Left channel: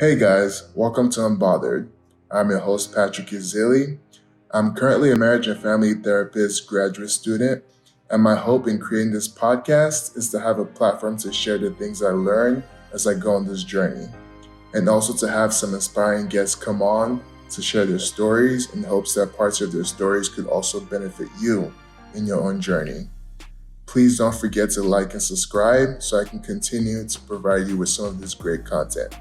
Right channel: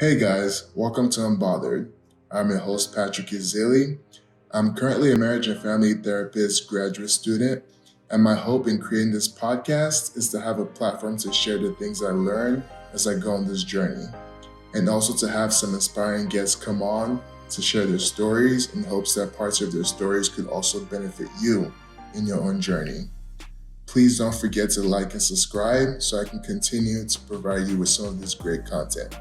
Hey guys, welcome to Unbothered. I'm your host, Patrick Izili. I'm currently a marriage and family therapist graduate student, and my hope in creating this podcast is to have a platform to share the things I learn as I go on this journey, and also to have some inspiring guests come on to share their stories in hopes that parts of their stories could also benefit you in your own journey. Please don't forget to like and subscribe so I can continue to provide you with some of this great content.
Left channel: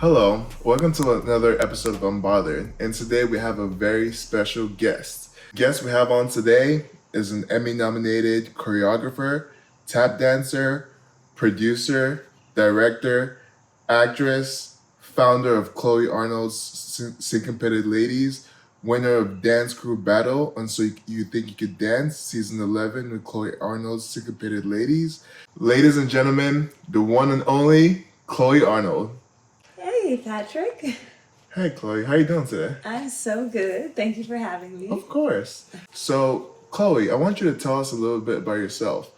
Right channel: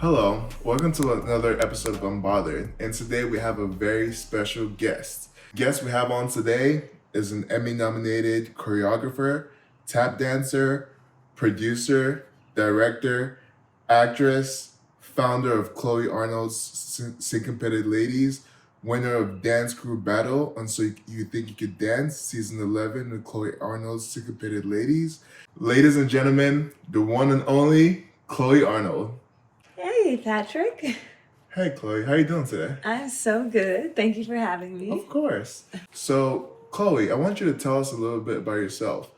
Hello, welcome to another episode of Unbothered, and today we have a very special guest. The guest we have on today is an Emmy-nominated choreographer, tap dancer, producer, director, actress, founder of Chloe Arnold's Syncopated Ladies, winner of Dance Crew Battle on So You Think You Could Dance, Season 11 with Chloe Arnold's Syncopated Ladies. Ladies and gentlemen, the one and only Chloe Arnold. Hey, Patrick. Hey, Chloe, how you doing today? I'm so good. Thank you for having me. Of course. So, Chloe, I want you to tell us a little bit about yourself.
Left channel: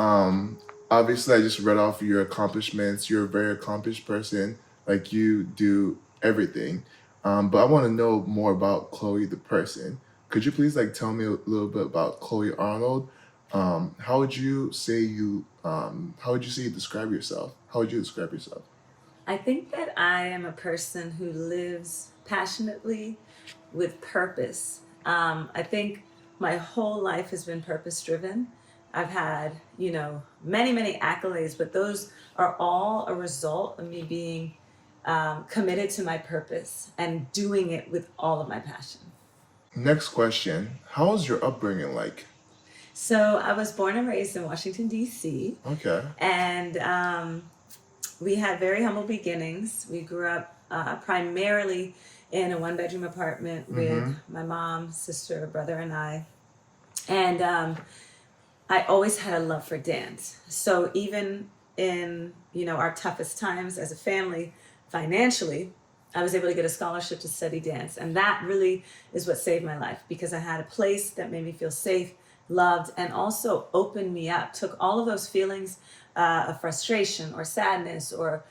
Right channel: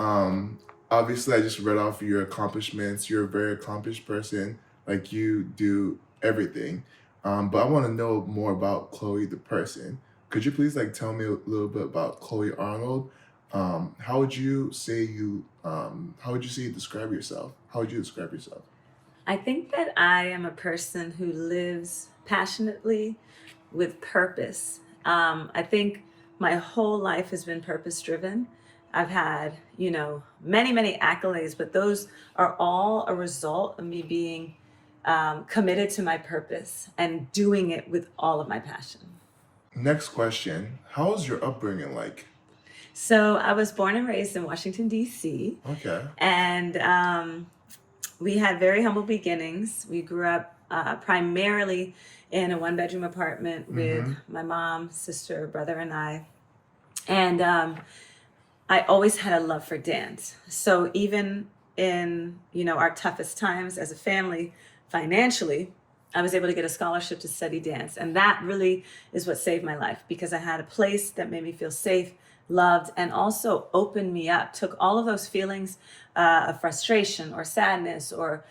Obviously, I just read off your accomplishments. You're a very accomplished person. Like, you do everything. But I want to know more about Chloe, the person. Could you please, tell me a little bit about Chloe Arnold? How would you say you describe yourself? How would you describe yourself? I think that I am a person who lives passionately with purpose. I think my whole life has been purpose driven. I've had, many, many accolades, but those are all a result of me being committed to my purpose and doing it with all of my passion. Next question. How was your upbringing like? So I was born and raised in Washington, D.C., Okay. and we had very humble beginnings. We grew up primarily in a one-bedroom apartment with my mom, sister, brother, and I. And I always had a love for dance. So even in, our toughest times as a family, financially, I was able to get a scholarship to study dance. And that really is what saved my life, because I had a place that made me feel safe, loved, and also opened me up, took all of those feelings of frustration or sadness or,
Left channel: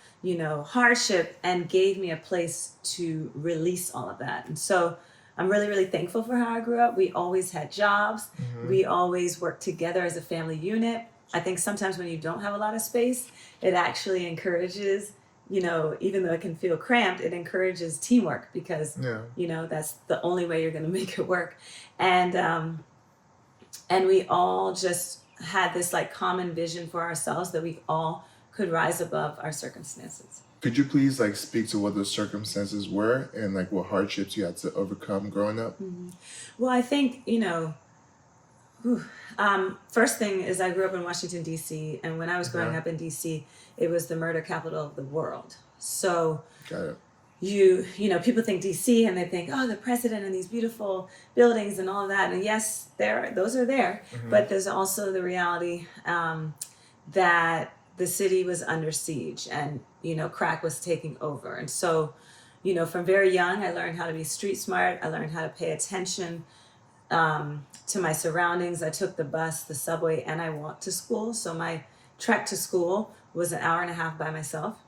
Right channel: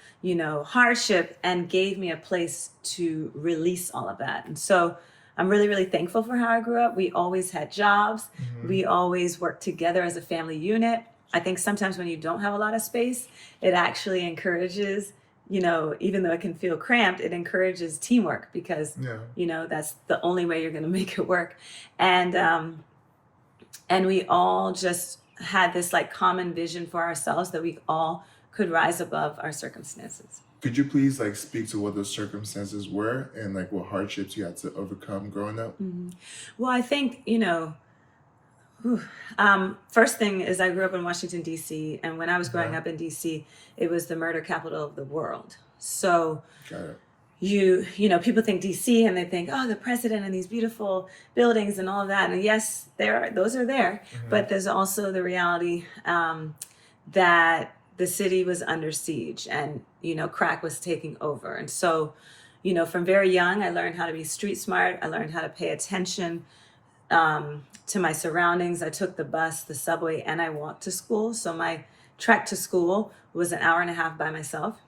hardship, and gave me a place to release all of that. And so I'm really, really thankful for how I grew up. We always had jobs. We always worked together as a family unit. I think sometimes when you don't have a lot of space, it actually encourages, even though it can feel cramped, it encourages teamwork, because, Yeah. that's the only way you're going to make it work. And we all just had this common vision for ourselves that we all could rise above our circumstances. Could you please speak to what those circumstances were and what hardships you had to overcome growing up? Well, I think, first thing is I grew up in Washington, D.C., and when I was growing up in D.C., it was the murder capital of the world. So Got it. people think DC and they think, oh, the president and these beautiful buildings and all of that. And yes, those are there, but there's also the reality that the city was under siege, and, crack was taking over. And so, from very young, I learned how to be street smart. I learned how to pay attention to my surroundings. I took the bus, the subway, and I walked to school. So my trek to school was an hour and a half by myself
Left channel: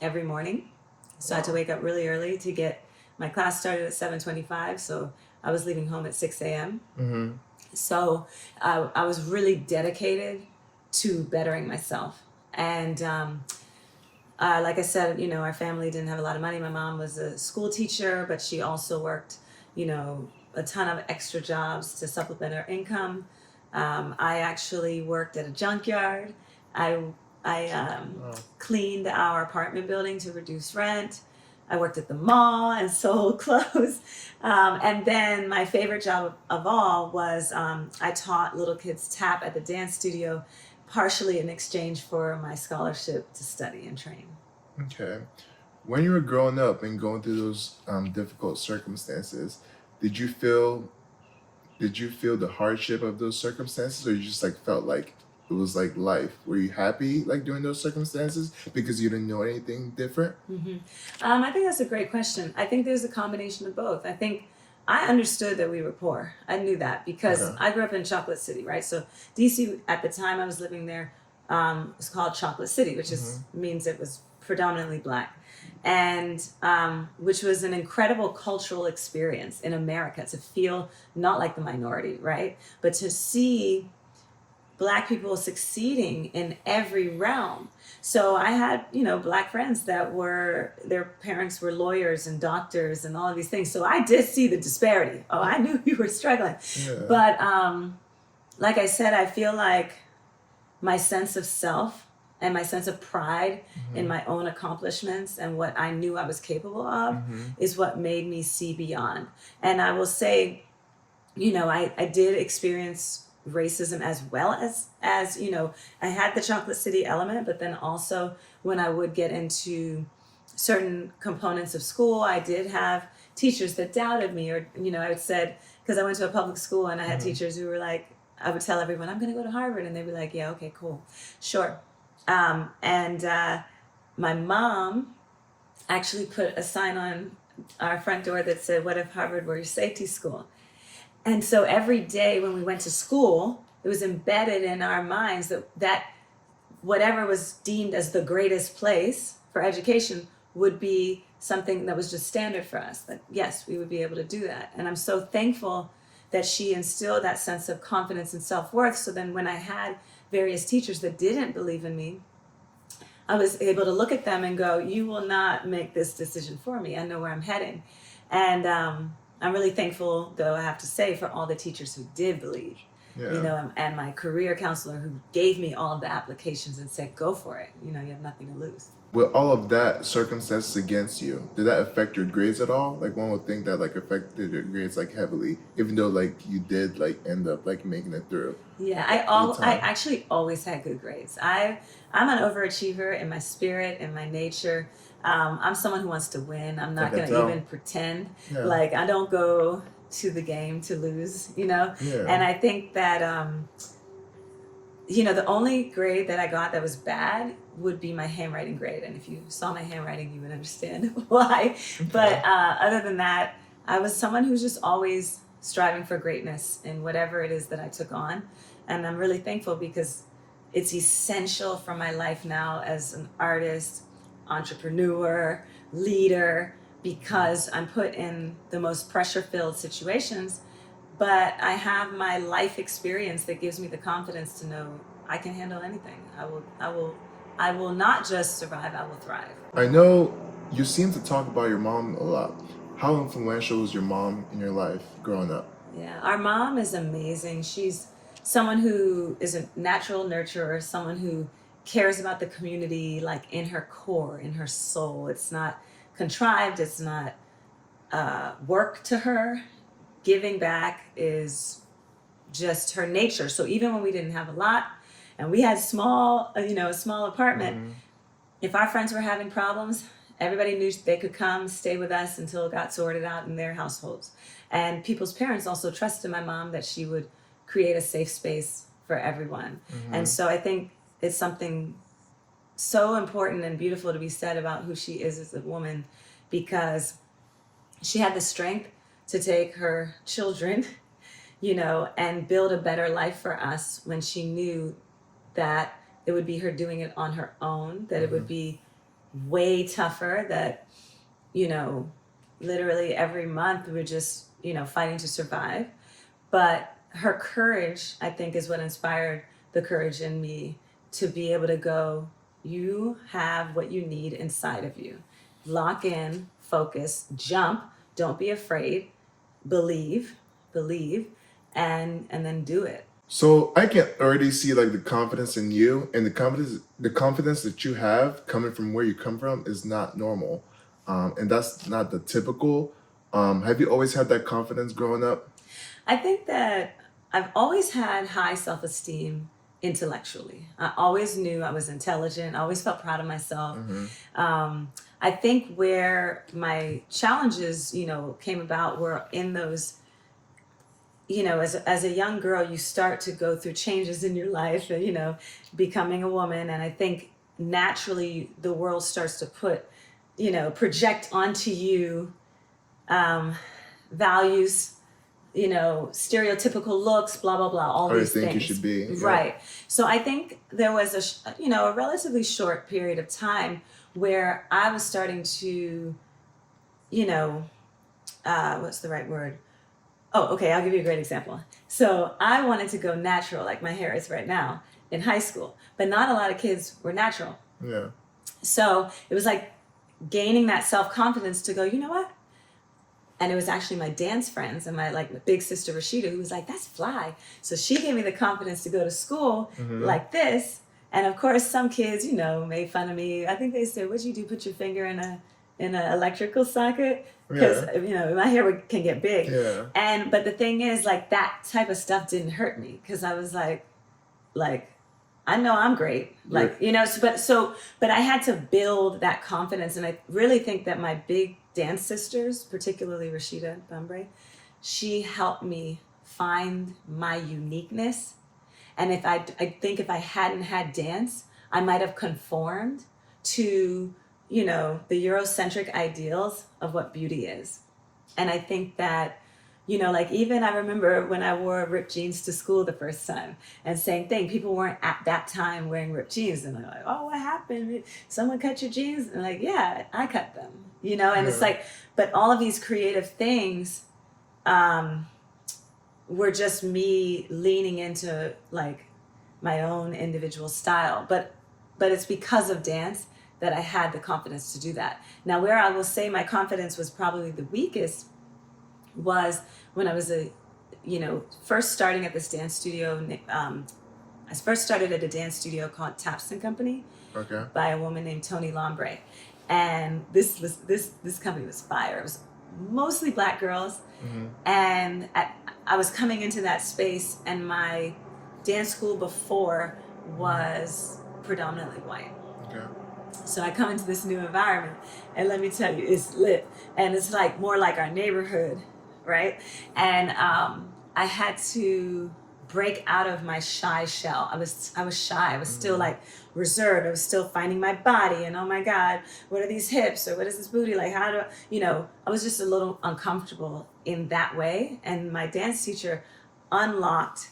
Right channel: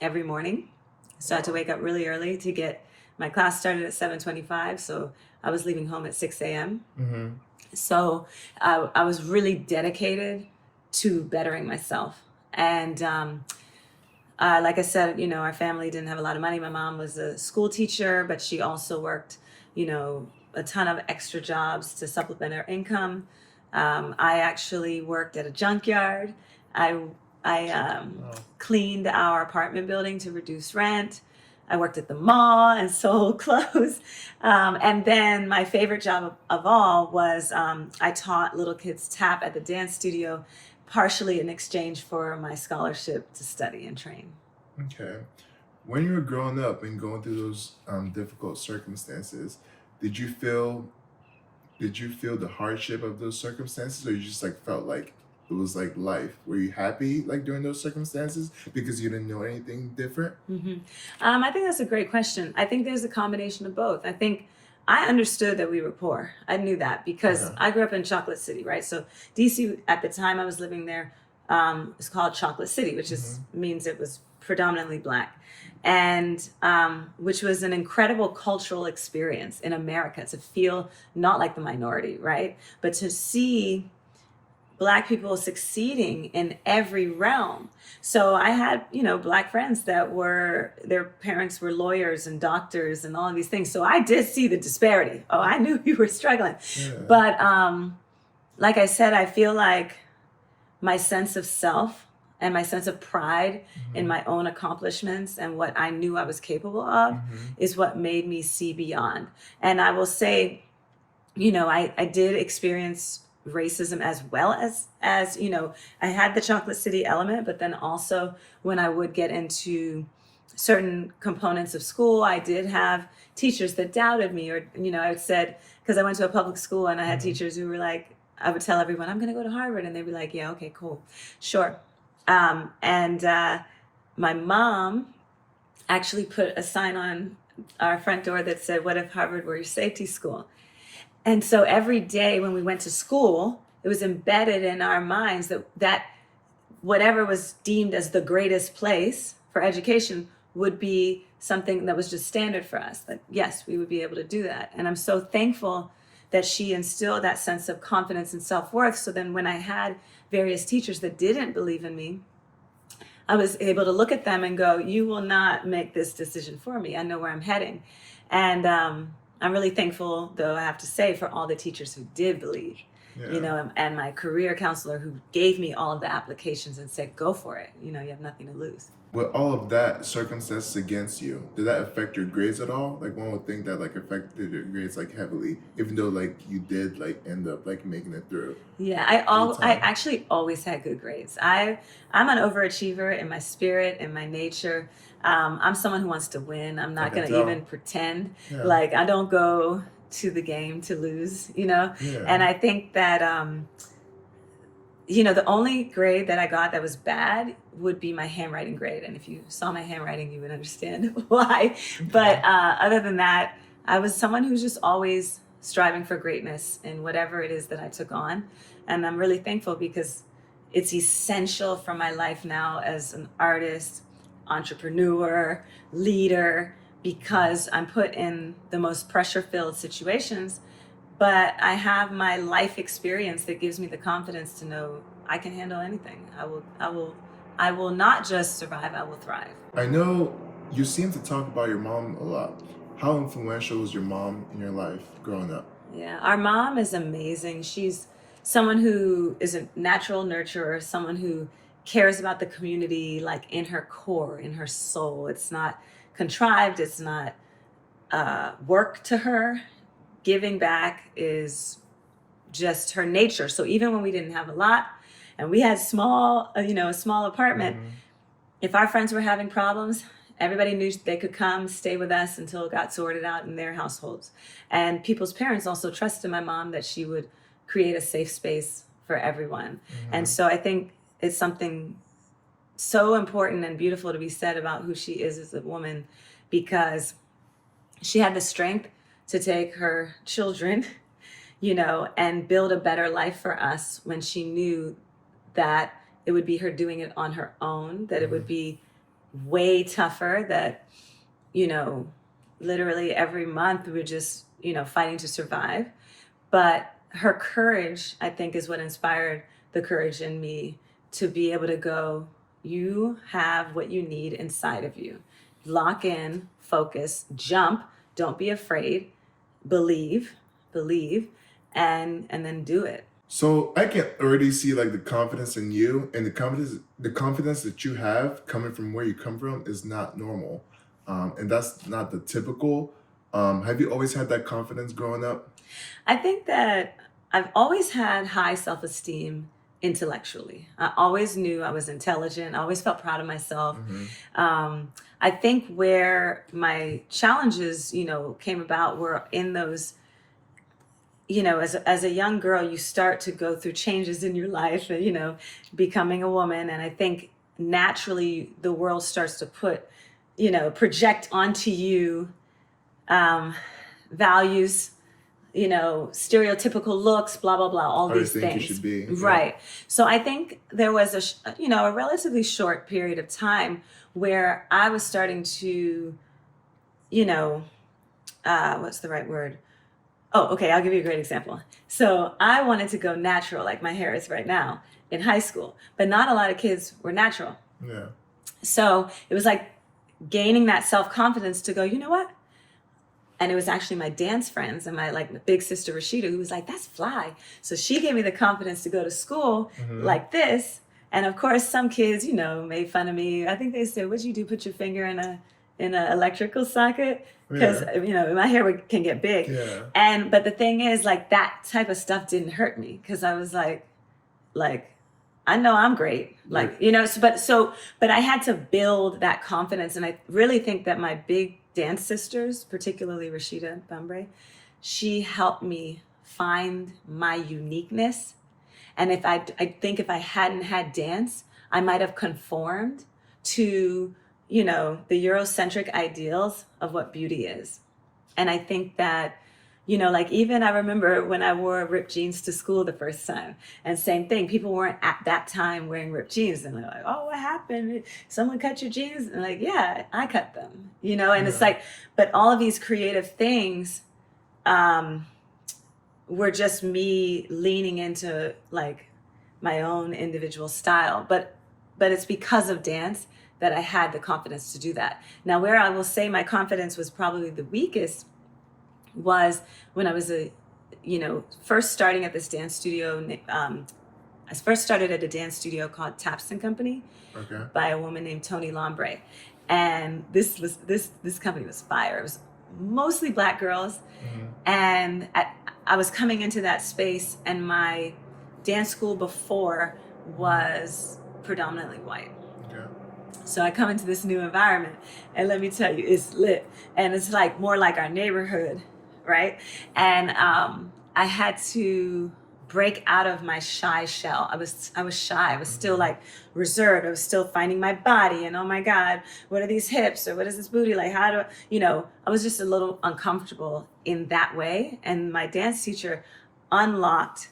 every morning. So I had to wake up really early to get my class started at 7:25. So I was leaving home at 6 a.m. So I was really dedicated to bettering myself. And like I said, our family didn't have a lot of money. My mom was a school teacher, but she also worked, a ton of extra jobs to supplement her income. I actually worked at a junkyard. I cleaned our apartment building to reduce rent. I worked at the mall and sold clothes. And then my favorite job of all was I taught little kids tap at the dance studio, partially in exchange for my scholarship to study and train. Okay. When you were growing up and going through those difficult circumstances, did you feel the hardship of those circumstances, or you just felt like it was life? Were you happy during those circumstances because you didn't know anything different? I think that's a great question. I think there's a combination of both. I think I understood that we were poor. I knew that because I grew up in Chocolate City, right? So DC, at the time I was living there, it's called Chocolate City, which is means it was predominantly Black, and which was an incredible cultural experience in America to feel not like the minority, right? But to see Black people succeeding in every realm. So I had, Black friends that their parents were lawyers and doctors and all of these things. So I did see the disparity. Oh, I knew you were struggling. Yeah. But like I said, I feel like my sense of self and my sense of pride in my own accomplishments and what I knew I was capable of is what made me see beyond. And I will say, I did experience racism as well as I had the Chocolate City element, but then also when I would get into certain components of school, I did have teachers that doubted me, or I would said, because I went to a public school and I had teachers who were like, I would tell everyone I'm going to go to Harvard, and they'd be like, yeah, okay, cool, sure. And my mom actually put a sign on our front door that said, what if Harvard were your safety school? And so every day when we went to school, it was embedded in our minds that whatever was deemed as the greatest place for education would be something that was just standard for us. That yes, we would be able to do that. And I'm so thankful that she instilled that sense of confidence and self-worth. So then when I had various teachers that didn't believe in me, I was able to look at them and go, you will not make this decision for me. I know where I'm heading. And I'm really thankful, though, I have to say, for all the teachers who did believe, and my career counselor who gave me all of the applications and said, go for it. You have nothing to lose. With all of that circumstances against you, did that affect your grades at all? Like, one would think that like affected your grades like heavily, even though like you did like end up like making it through. Yeah, I actually always had good grades. I'm an overachiever in my spirit, in my nature. I'm someone who wants to win. I'm not going to even pretend. Yeah. Like, I don't go to the game to lose, Yeah. And I think that, the only grade that I got that was bad would be my handwriting grade. And if you saw my handwriting, you would understand why. Okay. But other than that, I was someone who's just always striving for greatness in whatever it is that I took on. And I'm really thankful because it's essential for my life now as an artist, entrepreneur, leader, because I'm put in the most pressure-filled situations. But I have my life experience that gives me the confidence to know I can handle anything. I will not just survive, I will thrive. I know you seem to talk about your mom a lot. How influential was your mom in your life growing up? Yeah, our mom is amazing. She's someone who is a natural nurturer, someone who cares about the community, like in her core, in her soul. It's not contrived, it's not work to her. Giving back is just her nature. So even when we didn't have a lot and we had a small apartment, if our friends were having problems, everybody knew they could come stay with us until it got sorted out in their households. And people's parents also trusted my mom that she would create a safe space for everyone. And so I think it's something so important and beautiful to be said about who she is as a woman, because she had the strength to take her children, and build a better life for us when she knew that it would be her doing it on her own, that it would be way tougher, that, literally every month we were just, fighting to survive. But her courage, I think, is what inspired the courage in me to be able to go, you have what you need inside of you. Lock in, focus, jump, don't be afraid, believe, and then do it. So I can already see like the confidence in you, and the confidence that you have coming from where you come from is not normal, and that's not the typical. Have you always had that confidence growing up? I think that I've always had high self-esteem intellectually. I always knew I was intelligent. I always felt proud of myself. I think where my challenges, came about were in those, as a young girl, you start to go through changes in your life, becoming a woman. And I think naturally the world starts to project onto you values, stereotypical looks, blah, blah, blah, all How you these think you things. should be. Yeah. Right. So I think there was a relatively short period of time where I was starting to, what's the right word? Oh, okay. I'll give you a great example. So I wanted to go natural, like my hair is right now, in high school, but not a lot of kids were natural. Yeah. So it was like gaining that self-confidence to go, you know what? And it was actually my dance friends and my big sister Rashida who was like, that's fly. So she gave me the confidence to go to school like this. And of course, some kids, made fun of me. I think they said, what'd you do? Put your finger in a electrical socket? Because, my hair can get big. Yeah. But the thing is, that type of stuff didn't hurt me because I was like, I know I'm great. But I had to build that confidence. And I really think that my big dance sisters, particularly Rashida Bambre, she helped me find my uniqueness. And I think if I hadn't had dance, I might have conformed to, the Eurocentric ideals of what beauty is. And I think that, even I remember when I wore ripped jeans to school the first time, and same thing, people weren't at that time wearing ripped jeans, and they're like, oh, what happened? Someone cut your jeans? And yeah, I cut them, and it's but all of these creative things were just me leaning into my own individual style. But it's because of dance that I had the confidence to do that. Now, where I will say my confidence was probably the weakest was when I was first starting at this dance studio. I first started at a dance studio called Taps and Company by a woman named Toni Lambre. And this company was fire. It was mostly Black girls. And I was coming into that space, and my dance school before was predominantly white. So I come into this new environment, and let me tell you, it's lit. And it's more like our neighborhood, right? And I had to break out of my shy shell. I was shy. I was still reserved. I was still finding my body, and oh my God, what are these hips, or what is this booty? How do, I was just a little uncomfortable in that way. And my dance teacher unlocked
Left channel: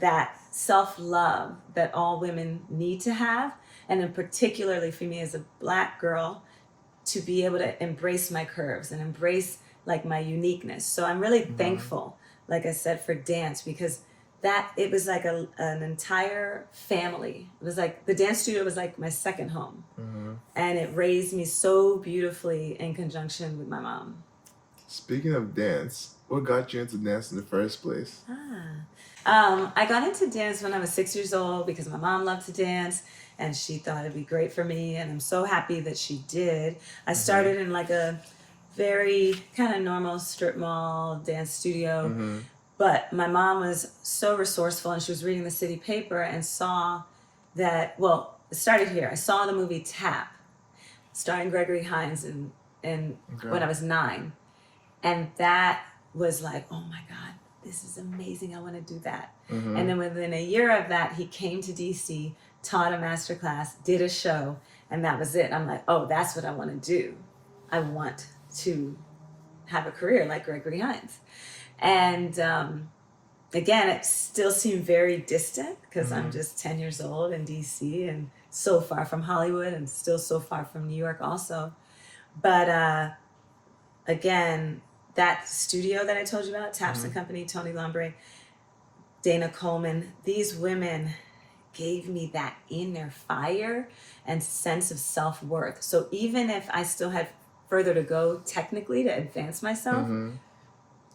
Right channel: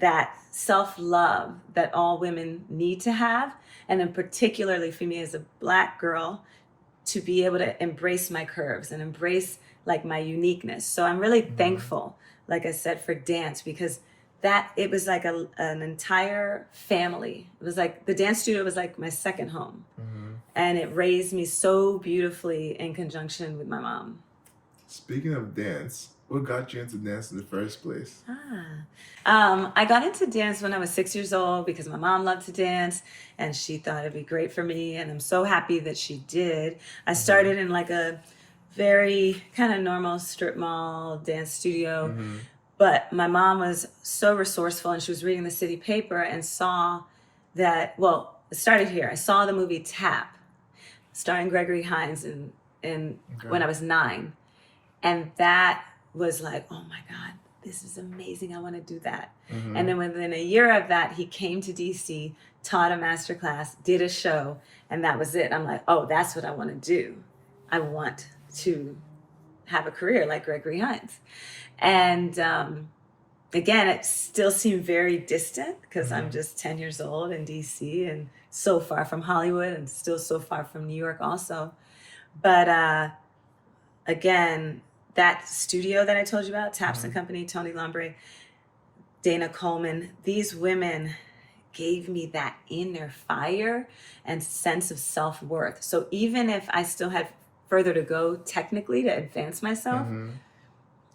that self-love that all women need to have. And then particularly for me as a Black girl, to be able to embrace my curves and embrace my uniqueness. So I'm really thankful, like I said, for dance, because it was an entire family. It was the dance studio was my second home. And it raised me so beautifully in conjunction with my mom. Speaking of dance, what got you into dance in the first place? I got into dance when I was 6 years old because my mom loved to dance, and she thought it'd be great for me, and I'm so happy that she did. I started in a very kind of normal strip mall dance studio, but my mom was so resourceful, and she was reading the city paper and saw that, it started here. I saw the movie Tap, starring Gregory Hines, when I was 9. And that was oh my God, this is amazing. I want to do that. And then within a year of that, he came to DC, taught a masterclass, did a show, and that was it. I'm oh, that's what I want to do. I want to have a career like Gregory Hines. And again, it still seemed very distant because I'm just 10 years old in DC and so far from Hollywood and still so far from New York also. But again, that studio that I told you about, Taps and Company, Toni Lambre, Dana Coleman, these women gave me that inner fire and sense of self-worth. So even if I still had further to go technically to advance myself,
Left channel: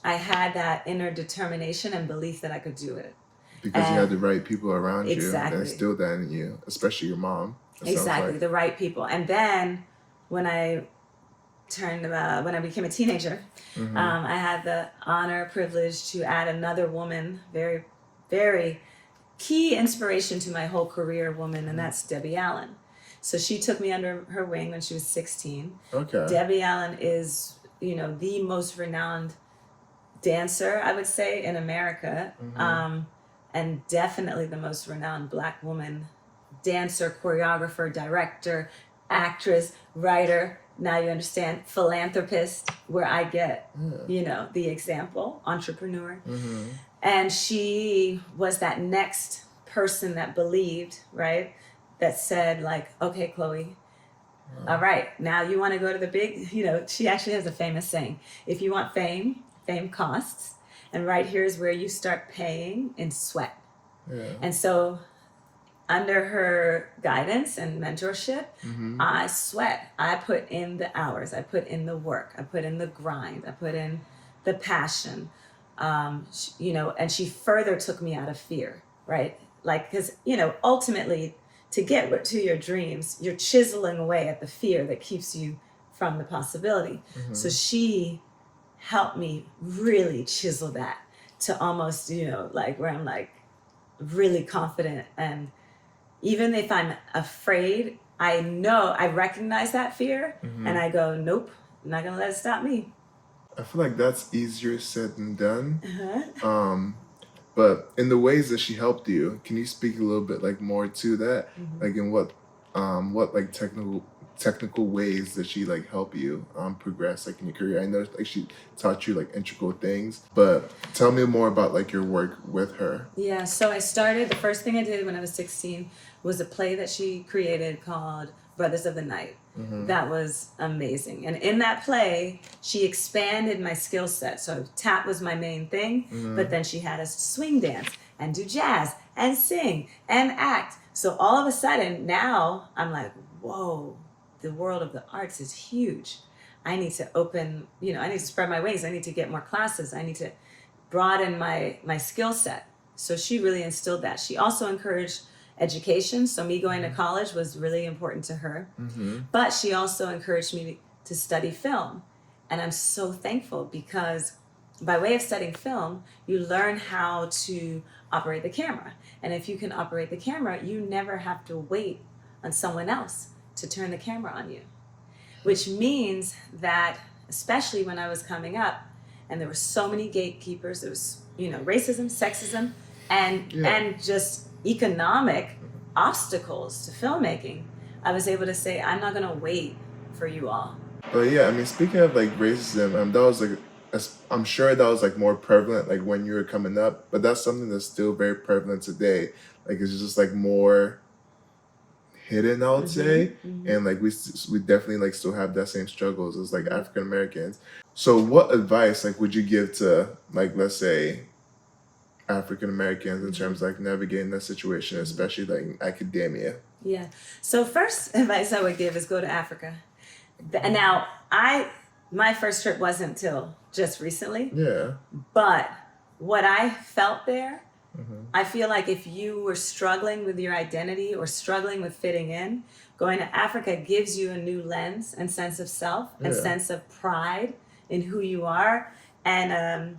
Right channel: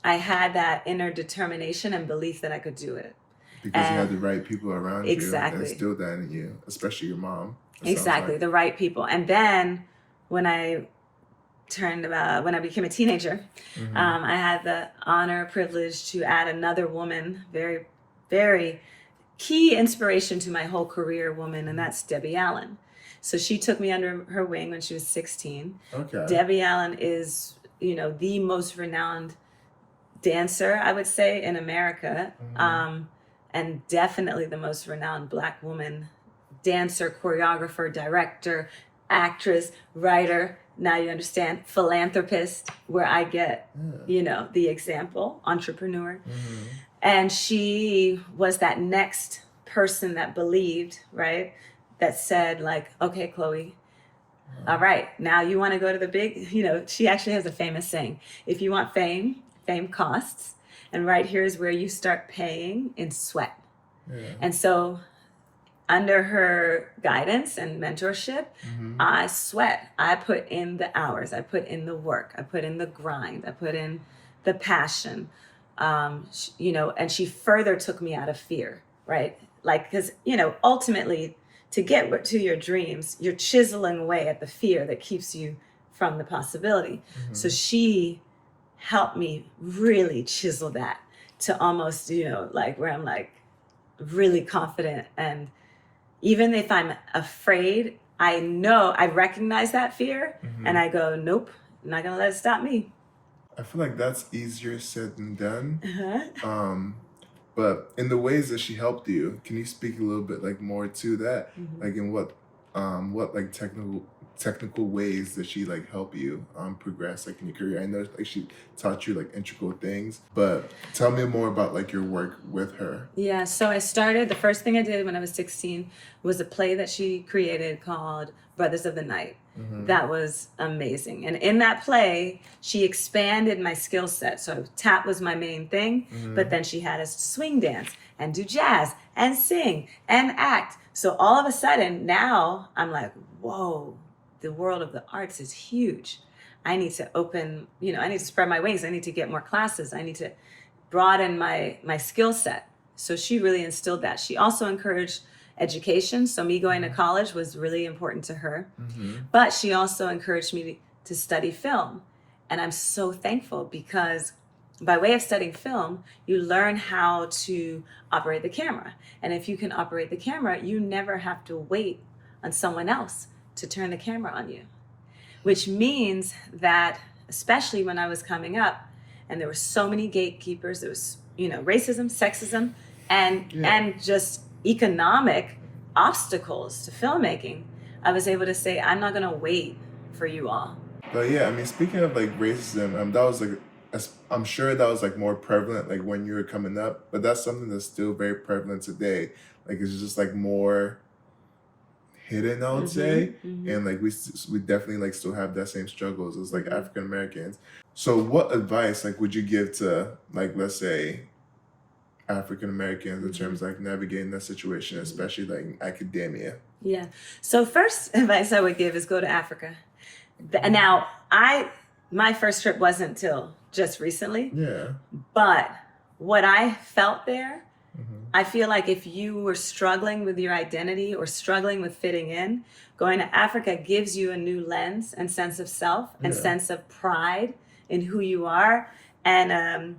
I had that inner determination and belief that I could do it. Because you had the right people around you Exactly. that instilled that in you, especially your mom. Exactly, the right people. And then when I became a teenager, I had the honor, privilege to add another woman, very, very key inspiration to my whole career woman, and that's Debbie Allen. So she took me under her wing when she was 16. Debbie Allen is, the most renowned dancer, I would say, in America, and definitely the most renowned Black woman dancer, choreographer, director, actress, writer, Now you understand. Philanthropist, where I get, the example, entrepreneur. And she was that next person that believed, right? That said, like, okay, Chloe, all right, now you want to go to the big, she actually has a famous saying, if you want fame, fame costs. And right here is where you start paying in sweat. And so under her guidance and mentorship, I sweat. I put in the hours. I put in the work. I put in the grind. I put in the passion. And she further took me out of fear, right? Like, because, ultimately, to get to your dreams, you're chiseling away at the fear that keeps you from the possibility. So she helped me really chisel that to almost, like where I'm like really confident. And even if I'm afraid, I recognize that fear and I go, nope, I'm not going to let it stop me. I feel like that's easier said than done. But in the ways that she helped you, can you speak a little bit like more to that? Like in what like technical ways that she like help you progress like in your career? I know like she taught you like integral things, but tell me more about like your work with her. Yeah, so the first thing I did when I was 16 was a play that she created called Brothers of the Night. That was amazing. And in that play, she expanded my skill set. So tap was my main thing, but then she had us swing dance and do jazz and sing and act. So all of a sudden now I'm like, whoa, the world of the arts is huge. I need to I need to spread my wings. I need to get more classes. I need to broaden my skill set. So she really instilled that. She also encouraged education. So me going to college was really important to her. But she also encouraged me to study film. And I'm so thankful because by way of studying film, you learn how to operate the camera. And if you can operate the camera, you never have to wait on someone else to turn the camera on you. Which means that, especially when I was coming up, and there were so many gatekeepers, there was, racism, sexism, and just economic obstacles to filmmaking, I was able to say, I'm not going to wait for you all. But yeah, I mean, speaking of like racism, that was like, I'm sure that was like more prevalent like when you were coming up, but that's something that's still very prevalent today. Like it's just like more hidden, I would say, and like we definitely like still have that same struggles as like African Americans. So what advice like would you give to like, let's say, African Americans in terms of like navigating that situation, especially like in academia? Yeah. So first advice I would give is go to Africa. Now my first trip wasn't till just recently. Yeah. But what I felt there, I feel like if you were struggling with your identity or struggling with fitting in, going to Africa gives you a new lens and sense of self and sense of pride in who you are, and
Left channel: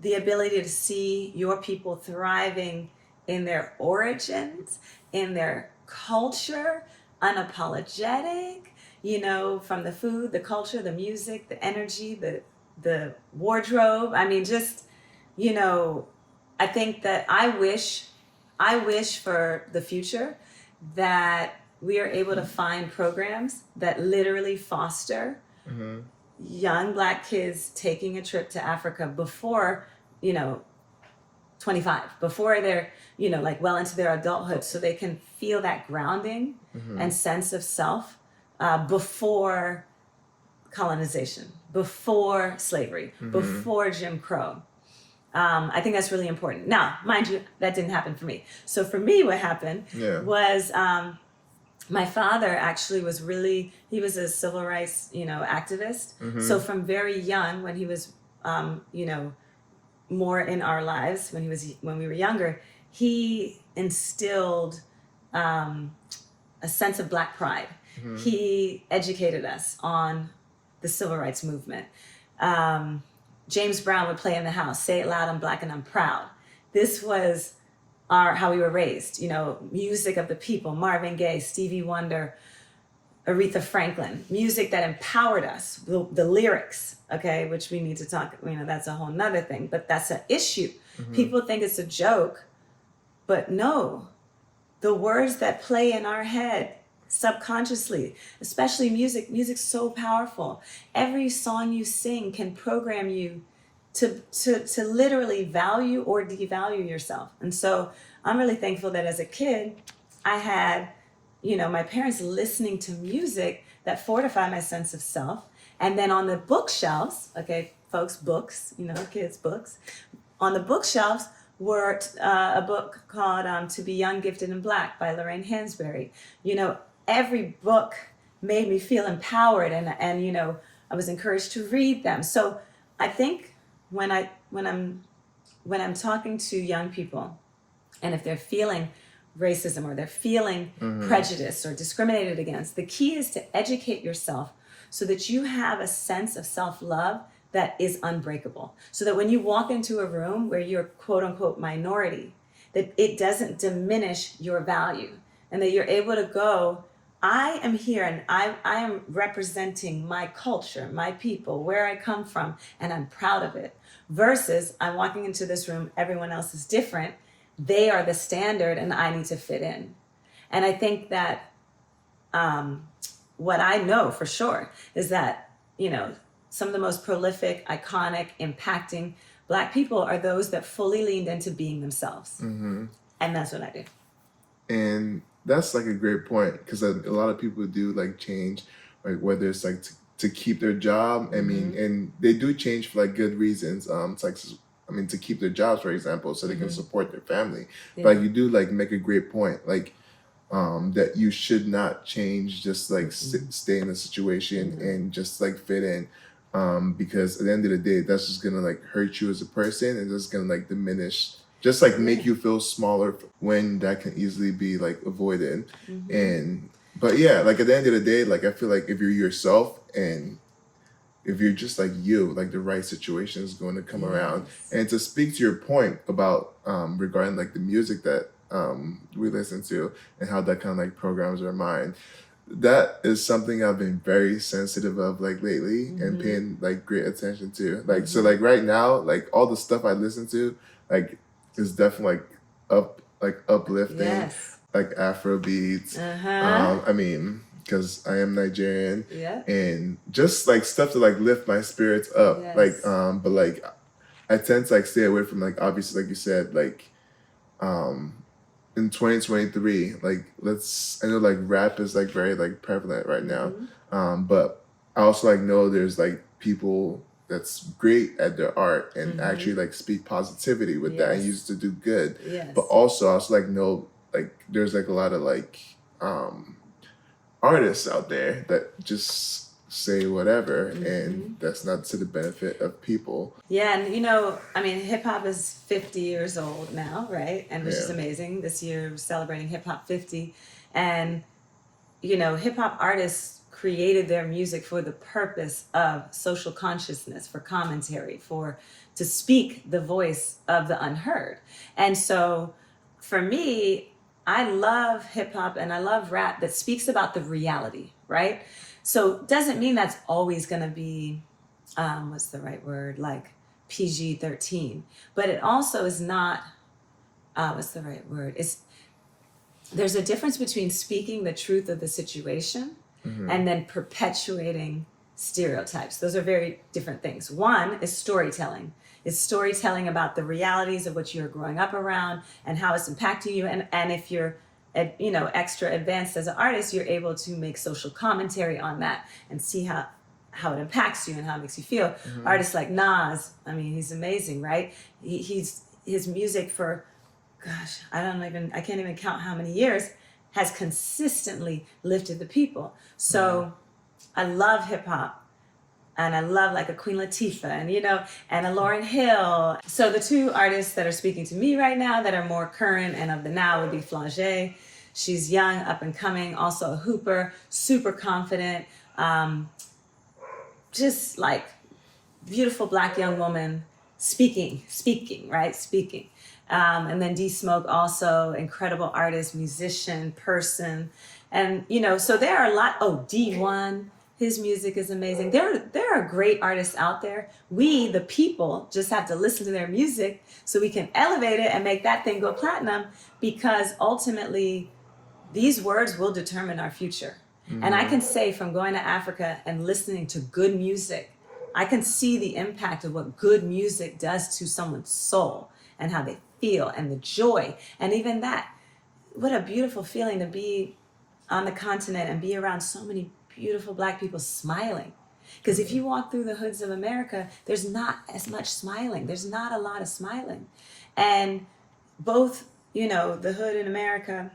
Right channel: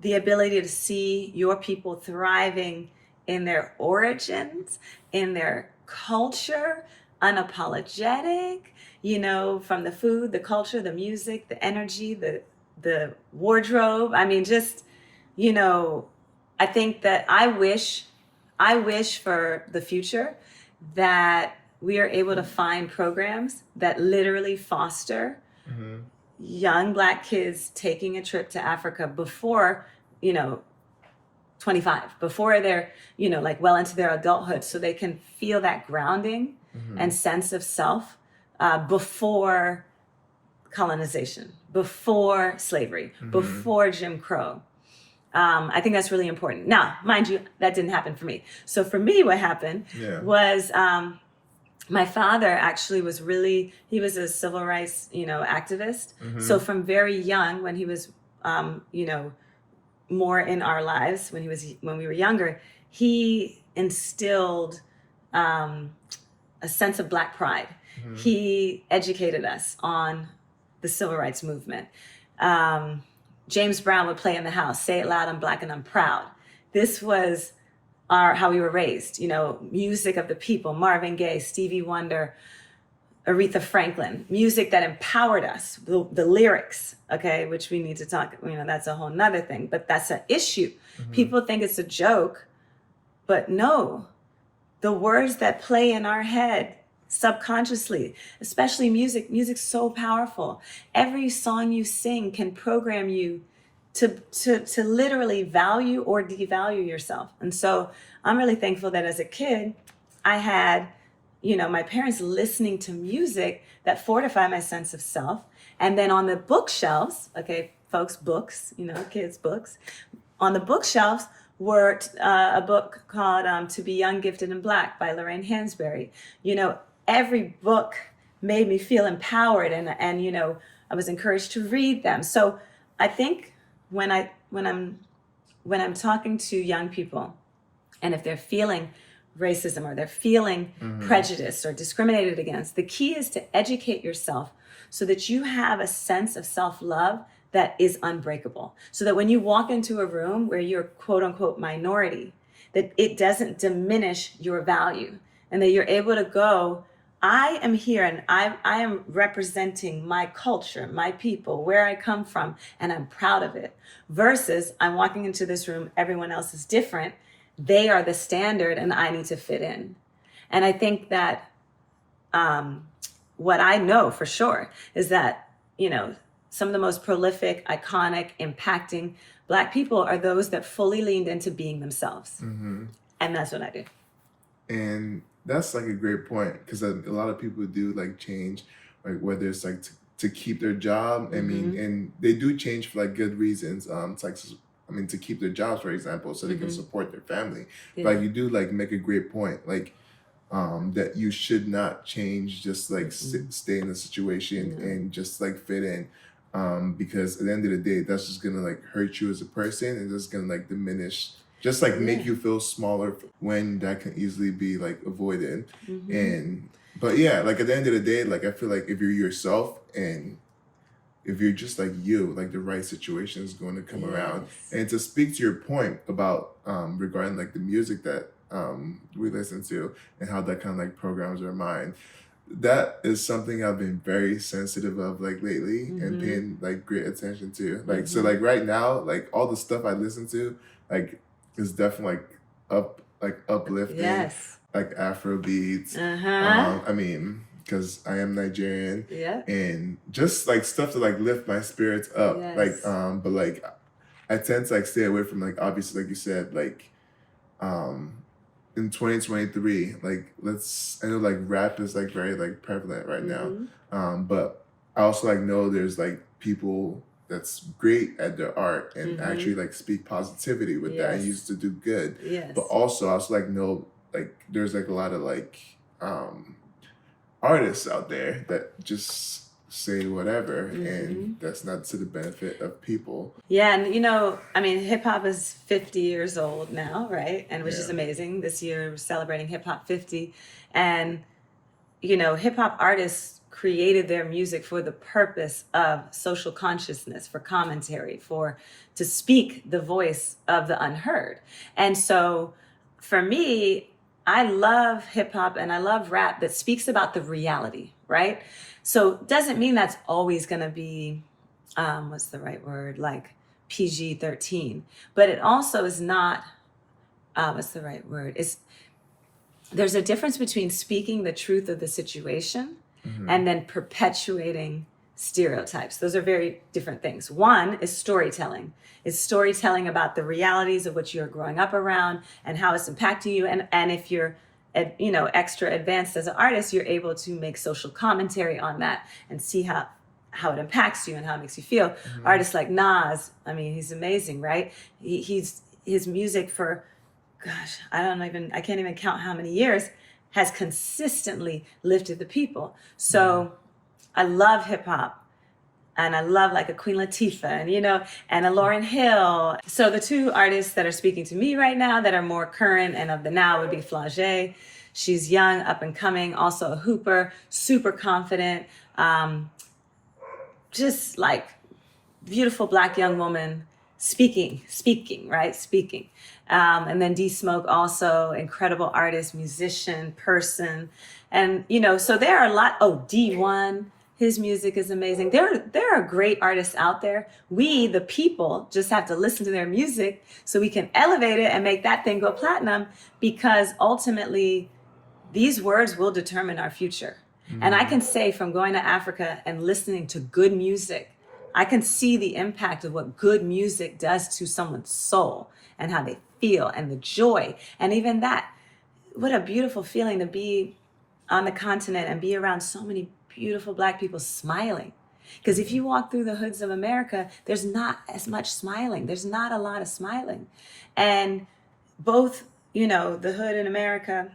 the ability to see your people thriving in their origins, in their culture, unapologetic, from the food, the culture, the music, the energy, the wardrobe. I mean, just, I think that I wish for the future that we are able to find programs that literally foster young Black kids taking a trip to Africa before, 25, before they're, like well into their adulthood, so they can feel that grounding and sense of self before colonization, before slavery, before Jim Crow. I think that's really important. Now, mind you, that didn't happen for me. So for me, what happened was my father actually he was a civil rights, activist. So from very young, when he was, more in our lives, when we were younger, he instilled a sense of Black pride. He educated us on the civil rights movement. James Brown would play in the house, "Say it loud, I'm Black and I'm proud." This was how we were raised, music of the people, Marvin Gaye, Stevie Wonder, Aretha Franklin, music that empowered us, the lyrics, okay, which we need to talk, that's a whole nother thing, but that's an issue. People think it's a joke, but no, the words that play in our head subconsciously, especially music. Music's so powerful. Every song you sing can program you to literally value or devalue yourself. And so I'm really thankful that as a kid, I had, my parents listening to music that fortified my sense of self. And then on the bookshelves, okay, folks, books, kids' books, on the bookshelves were a book called To Be Young, Gifted, and Black by Lorraine Hansberry. Every book made me feel empowered, and I was encouraged to read them. So I think when I'm talking to young people, and if they're feeling racism or they're feeling prejudice or discriminated against, the key is to educate yourself so that you have a sense of self-love that is unbreakable. So that when you walk into a room where you're quote unquote minority, that it doesn't diminish your value, and that you're able to go, I am here and I am representing my culture, my people, where I come from, and I'm proud of it. Versus I'm walking into this room, everyone else is different. They are the standard and I need to fit in. And I think that what I know for sure is that, some of the most prolific, iconic, impacting Black people are those that fully leaned into being themselves. And that's what I do. And that's like a great point, because a lot of people do like change, like whether it's like to keep their job. I mean, and they do change for like good reasons. It's like, to keep their jobs, for example, so they can support their family. Yeah. But like, you do like make a great point, like that you should not change, just like stay in the situation and just like fit in. Because at the end of the day, that's just gonna like hurt you as a person, and it's gonna like diminish, just like make you feel smaller when that can easily be like avoided. But yeah, like at the end of the day, like I feel like if you're yourself and if you're just like you, like the right situation is going to come around. And to speak to your point about regarding like the music that we listen to and how that kind of like programs our mind, that is something I've been very sensitive of like lately and paying like great attention to. Like so like right now, like all the stuff I listen to like is definitely like uplifting, like Afro beats. Because I am Nigerian, and just like stuff to like lift my spirits up. But like I tend to like stay away from like, obviously, like you said, like in 2023, like I know like rap is like very like prevalent right now. But I also like know there's like people that's great at their art and actually like speak positivity with that and used to do good. But also I also like know like there's like a lot of like artists out there that just say whatever and that's not to the benefit of people. And hip hop is 50 years old now, right? And which is amazing. This year we're celebrating Hip Hop 50. And hip hop artists created their music for the purpose of social consciousness, for commentary, to speak the voice of the unheard. And so for me, I love hip hop and I love rap that speaks about the reality, right? So doesn't mean that's always going to be, what's the right word? Like PG-13, but it also is not, what's the right word? There's a difference between speaking the truth of the situation and then perpetuating stereotypes. Those are very different things. One is storytelling. It's storytelling about the realities of what you're growing up around and how it's impacting you. And if you're, extra advanced as an artist, you're able to make social commentary on that and see how it impacts you and how it makes you feel. Artists like Nas, he's amazing, right? His music for, I can't even count how many years, has consistently lifted the people. So I love hip hop. And I love like a Queen Latifah and a Lauryn Hill. So the two artists that are speaking to me right now that are more current and of the now would be Flau'jae. She's young, up and coming, also a hooper, super confident, just like beautiful Black young woman speaking. And then D Smoke, also incredible artist, musician, person. And, so there are a lot. D1. His music is amazing. There are great artists out there. We, the people, just have to listen to their music so we can elevate it and make that thing go platinum, because ultimately these words will determine our future. And I can say from going to Africa and listening to good music, I can see the impact of what good music does to someone's soul and how they feel and the joy. And even that, what a beautiful feeling to be on the continent and be around so many beautiful Black people smiling. Because if you walk through the hoods of America, there's not as much smiling. There's not a lot of smiling. And both, the hood in America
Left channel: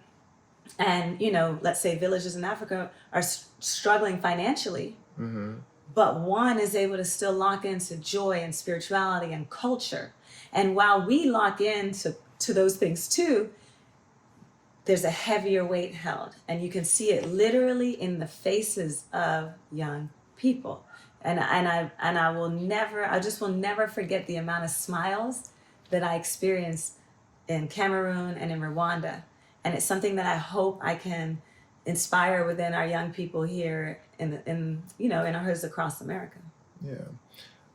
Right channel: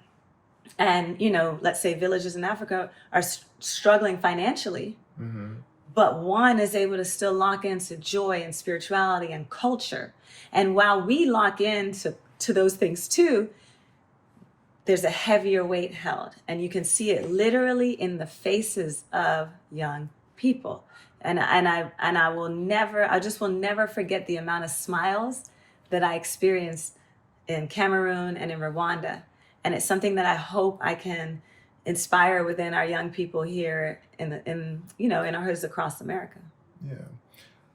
and, let's say villages in Africa are struggling financially. But one is able to still lock into joy and spirituality and culture. And while we lock into those things too, there's a heavier weight held. And you can see it literally in the faces of young people. And I just will never forget the amount of smiles that I experienced in Cameroon and in Rwanda. And it's something that I hope I can inspire within our young people here in our hoods across America. Yeah.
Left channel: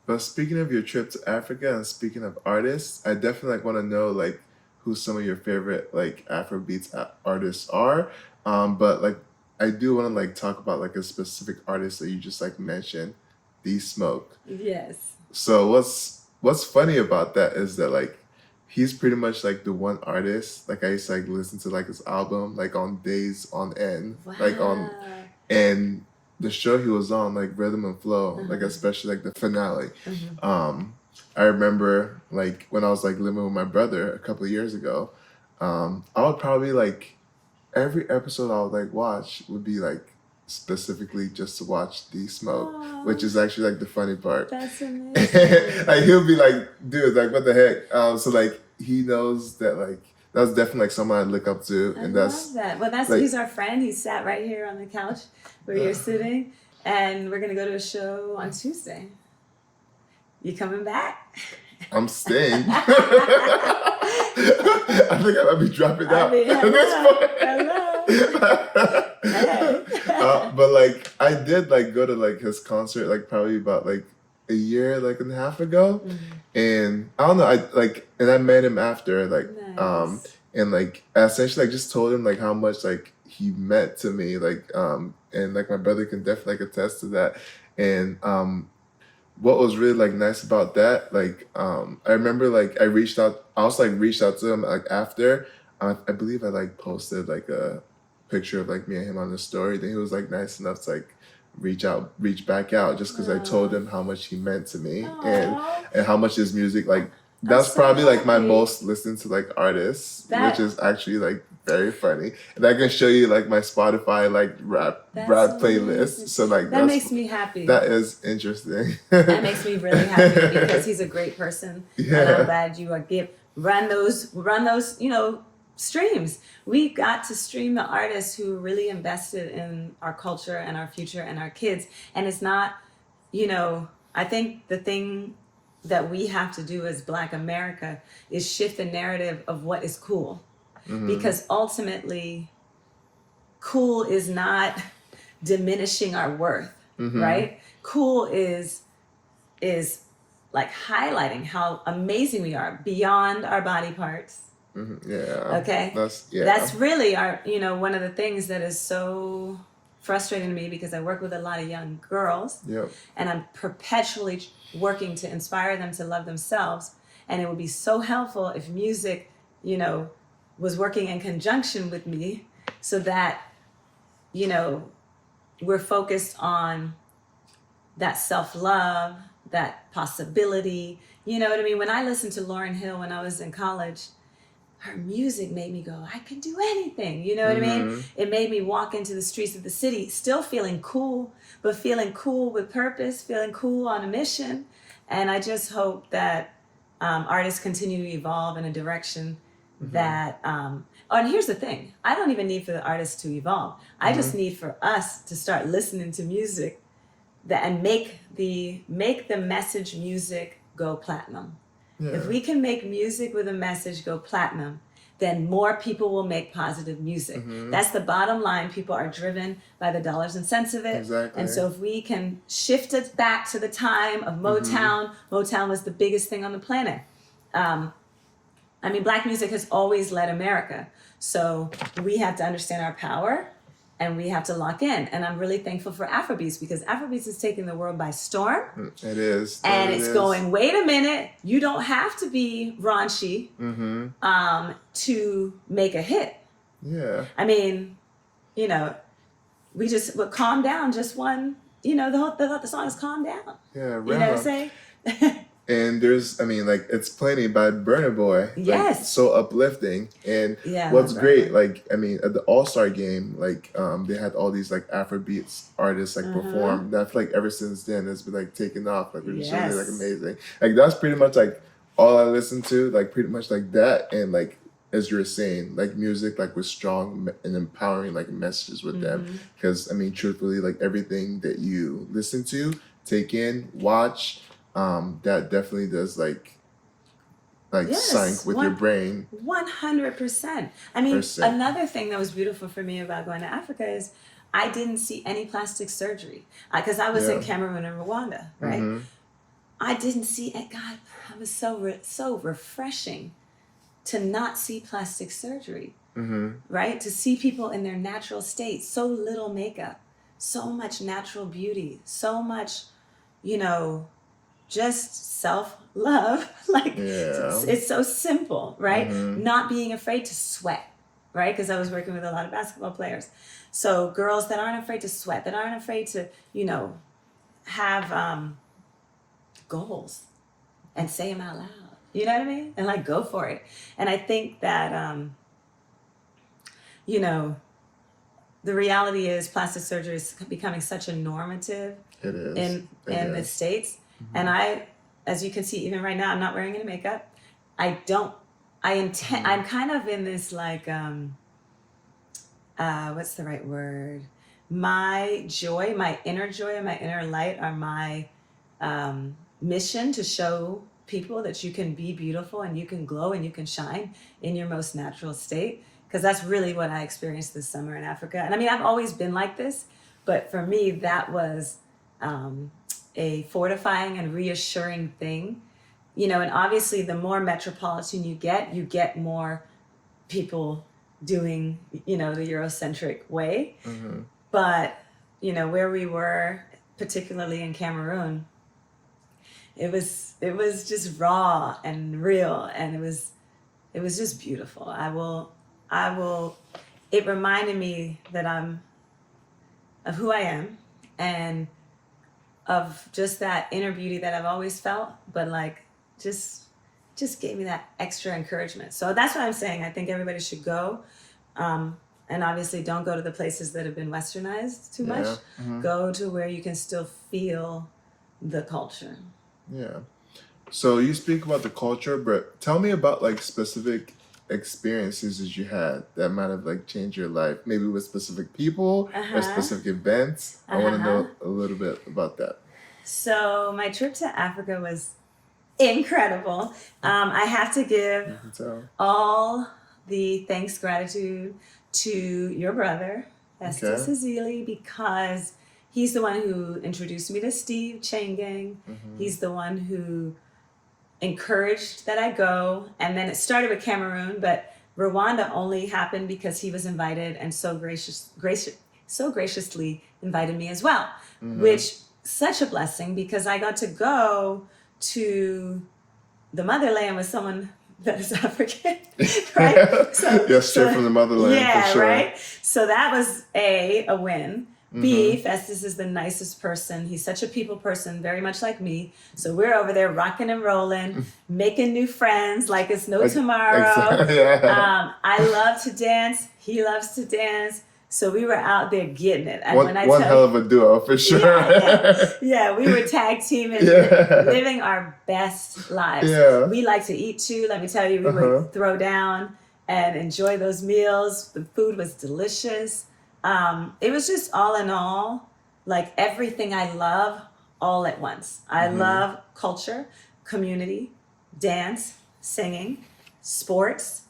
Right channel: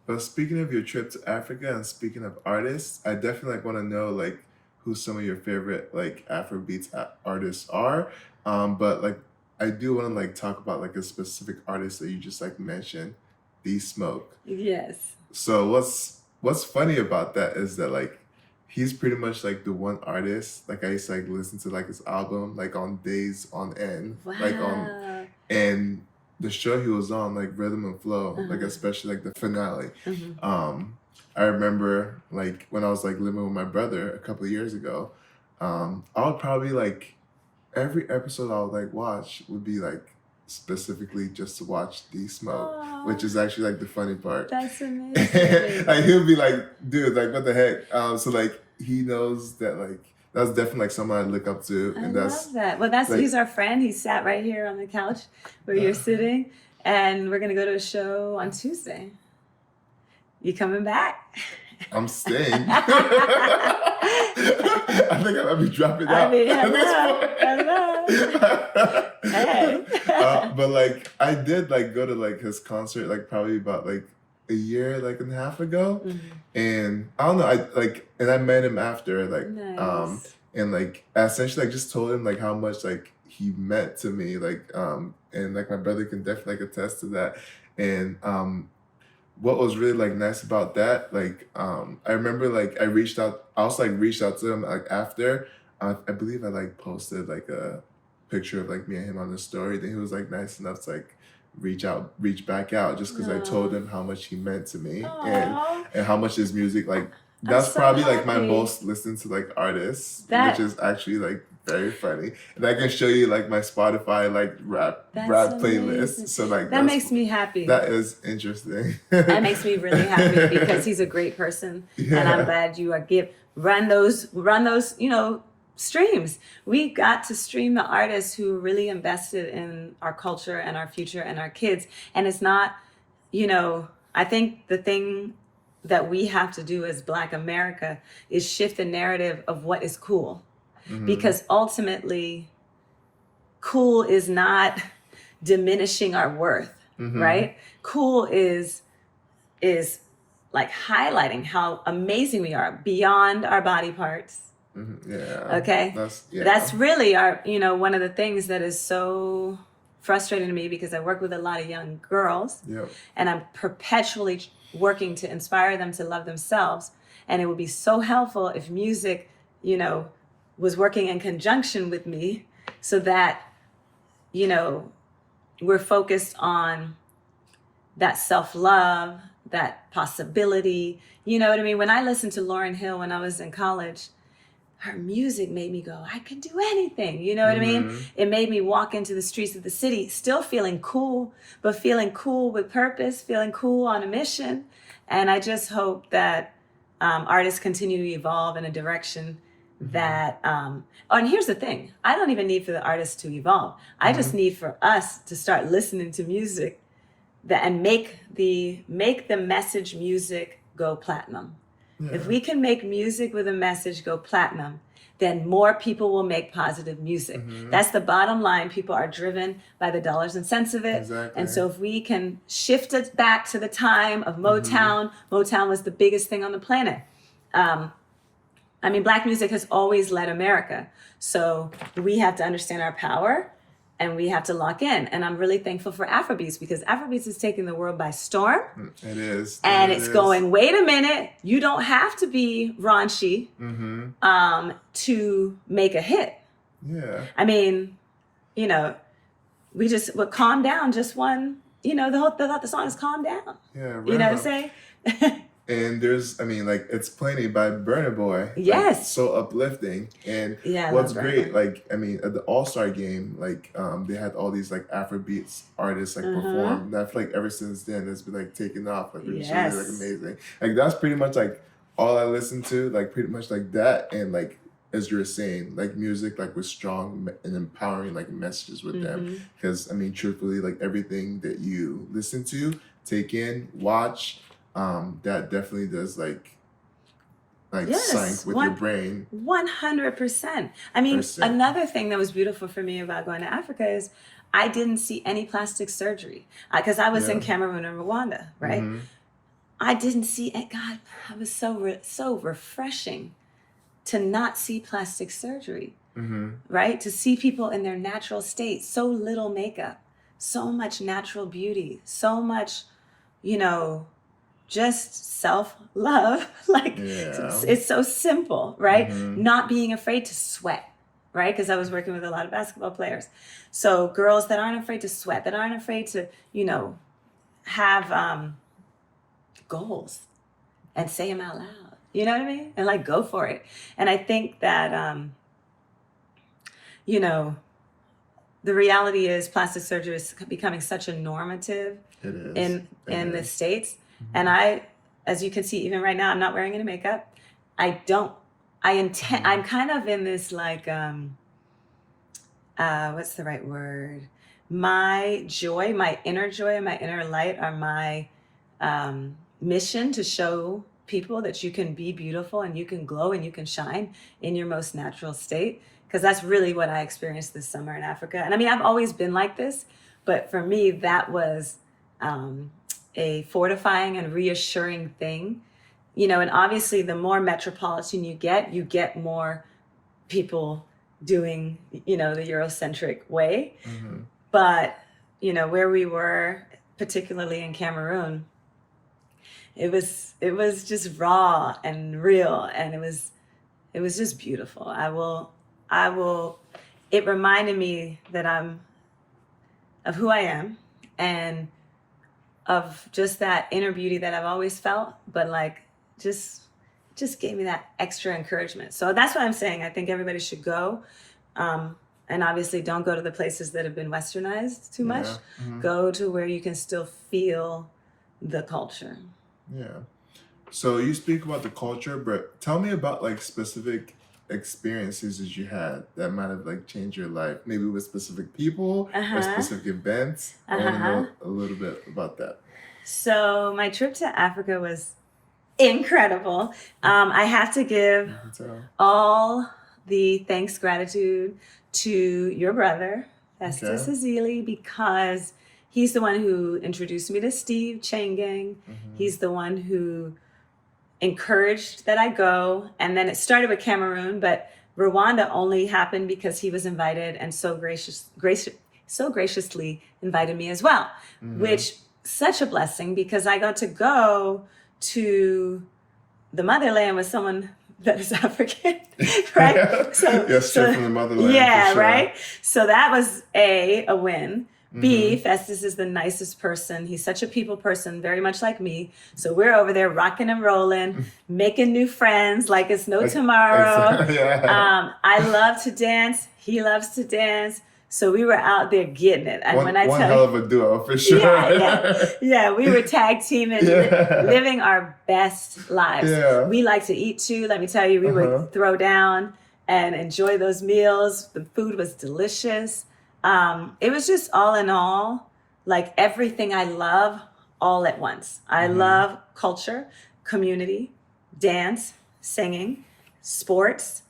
But speaking of your trip to Africa and speaking of artists, I definitely want to know who some of your favorite Afrobeats artists are. But I do want to talk about a specific artist that you just mentioned, D Smoke. Yes. So what's funny about that is that he's pretty much the one artist I used to listen to his album on days on end. Wow. And the show he was on Rhythm and Flow, especially the finale. I remember when I was living with my brother a couple of years ago, I would probably every episode I would watch would be specifically just to watch D Smoke. Aww. Which is actually the funny part. That's amazing. He'll be dude, what the heck? So he knows that that's definitely someone I look up to. I love that. Well, he's our friend. He sat right here on the couch where you're sitting, and we're gonna go to a show on Tuesday. You coming back? I'm staying. I think I might be dropping out at this point. But I did go to his concert probably about a year and a half ago. And I don't know, and I met him after nice. And I essentially just told him how much he meant to me, and my brother can definitely attest to that. And what was really nice about that, I remember I reached out to him after. I believe I posted a picture of me and him on the story. Then he was nice enough to reach back out just because I told him how much he meant to me. Aww. and how much his music that's so probably my most listened to artists, which is actually very funny. And I can show you my Spotify rap playlist. So that makes me happy. That is interesting. That makes me really happy because he's a great person. Yeah. And I'm glad you run those streams. We got to stream the artists who really invested in our culture and our future and our kids. And it's not, I think the thing that we have to do as Black America is shift the narrative of what is cool. Because ultimately, cool is not diminishing our worth, right? Cool is highlighting how amazing we are beyond our body parts. Yeah. Okay. That's really our, one of the things that is so frustrating to me because I work with a lot of young girls. Yep. And I'm perpetually working to inspire them to love themselves. And it would be so helpful if music, was working in conjunction with me so that, we're focused on that self-love, that possibility. You know what I mean? When I listened to Lauryn Hill when I was in college, her music made me go, I can do anything. You know what I mean? It made me walk into the streets of the city, still feeling cool, but feeling cool with purpose, feeling cool on a mission. And I just hope that artists continue to evolve in a direction that, and here's the thing, I don't even need for the artists to evolve. I just need for us to start listening to music and make the message music go platinum. Yeah. If we can make music with a message go platinum, then more people will make positive music. That's the bottom line. People are driven by the dollars and cents of it. Exactly. And so if we can shift it back to the time of Motown, Motown was the biggest thing on the planet. I mean, Black music has always led America. So we have to understand our power and we have to lock in. And I'm really thankful for Afrobeats because Afrobeats is taking the world by storm. It is. And it's going, wait a minute, you don't have to be raunchy to make a hit. Yeah. I mean, you know, we just, calm down, just one, you know, the song is Calm Down. Yeah, you know what I'm saying? And there's, I mean, like, It's Plenty by Burna Boy. Yes. Like, so uplifting. And yeah, what's great, like, I mean, at the All-Star game, like, they had all these, like, Afrobeats artists, like, perform. And I feel like ever since then, it's been, like, taking off. Like, it's really, like, amazing. Like, that's pretty much, like, all I listen to. Like, pretty much, like, that. And, like, as you were saying, like, music, like, with strong and empowering, like, messages with them. Because, I mean, truthfully, like, everything that you listen to, take in, watch, that definitely does like sync with your brain. 100%. I mean, another thing that was beautiful for me about going to Africa is I didn't see any plastic surgery because I was in Cameroon and Rwanda, right? I didn't see it. God, it was so refreshing to not see plastic surgery, right? To see people in their natural state, so little makeup, so much natural beauty, so much, you know, just self-love. Like it's so simple, right? Not being afraid to sweat, right? Because I was working with a lot of basketball players. So girls that aren't afraid to sweat, that aren't afraid to, you know, have goals and say them out loud. You know what I mean? And like go for it. And I think that, you know, the reality is plastic surgery is becoming such a normative in the States. And I, as you can see, even right now, I'm not wearing any makeup. I'm kind of in this like, what's the right word? My joy, my inner joy and my inner light are my mission to show people that you can be beautiful and you can glow and you can shine in your most natural state. Because that's really what I experienced this summer in Africa. And I mean, I've always been like this, but for me, that was a fortifying and reassuring thing, you know. And obviously the more metropolitan you get more people doing, you know, the Eurocentric way. But, you know, where we were, particularly in Cameroon, it was just raw and real, and it was just beautiful. It reminded me that I'm of who I am and of just that inner beauty that I've always felt, but like just gave me that extra encouragement. So that's what I'm saying. I think everybody should go. And obviously don't go to the places that have been westernized too much. Go to where you can still feel the culture. Yeah. So you speak about the culture, but tell me about like specific experiences that you had that might have like changed your life, maybe with specific people or specific events. I want to know a little bit about that. So my trip to Africa was incredible. I have to give all the thanks, gratitude to your brother, Festus Azili, because he's the one who introduced me to Steve Changang. He's the one who encouraged that I go. And then it started with Cameroon, but Rwanda only happened because he was invited and so graciously invited me as well, which such a blessing because I got to go to the motherland with someone that is African, right? Straight from the motherland. Yeah, for sure. right? So that was a win. B, Festus is the nicest person. He's such a people person, very much like me. So we're over there rocking and rolling, making new friends like it's no tomorrow. I love to dance. He loves to dance. So we were out there getting it. And one hell of a duo, for sure. Yeah, we were tag teaming, living our best lives. We like to eat too. Let me tell you, we would throw down and enjoy those meals. The food was delicious. It was just all in all, like everything I love all at once. I love culture, community, dance, singing, sports,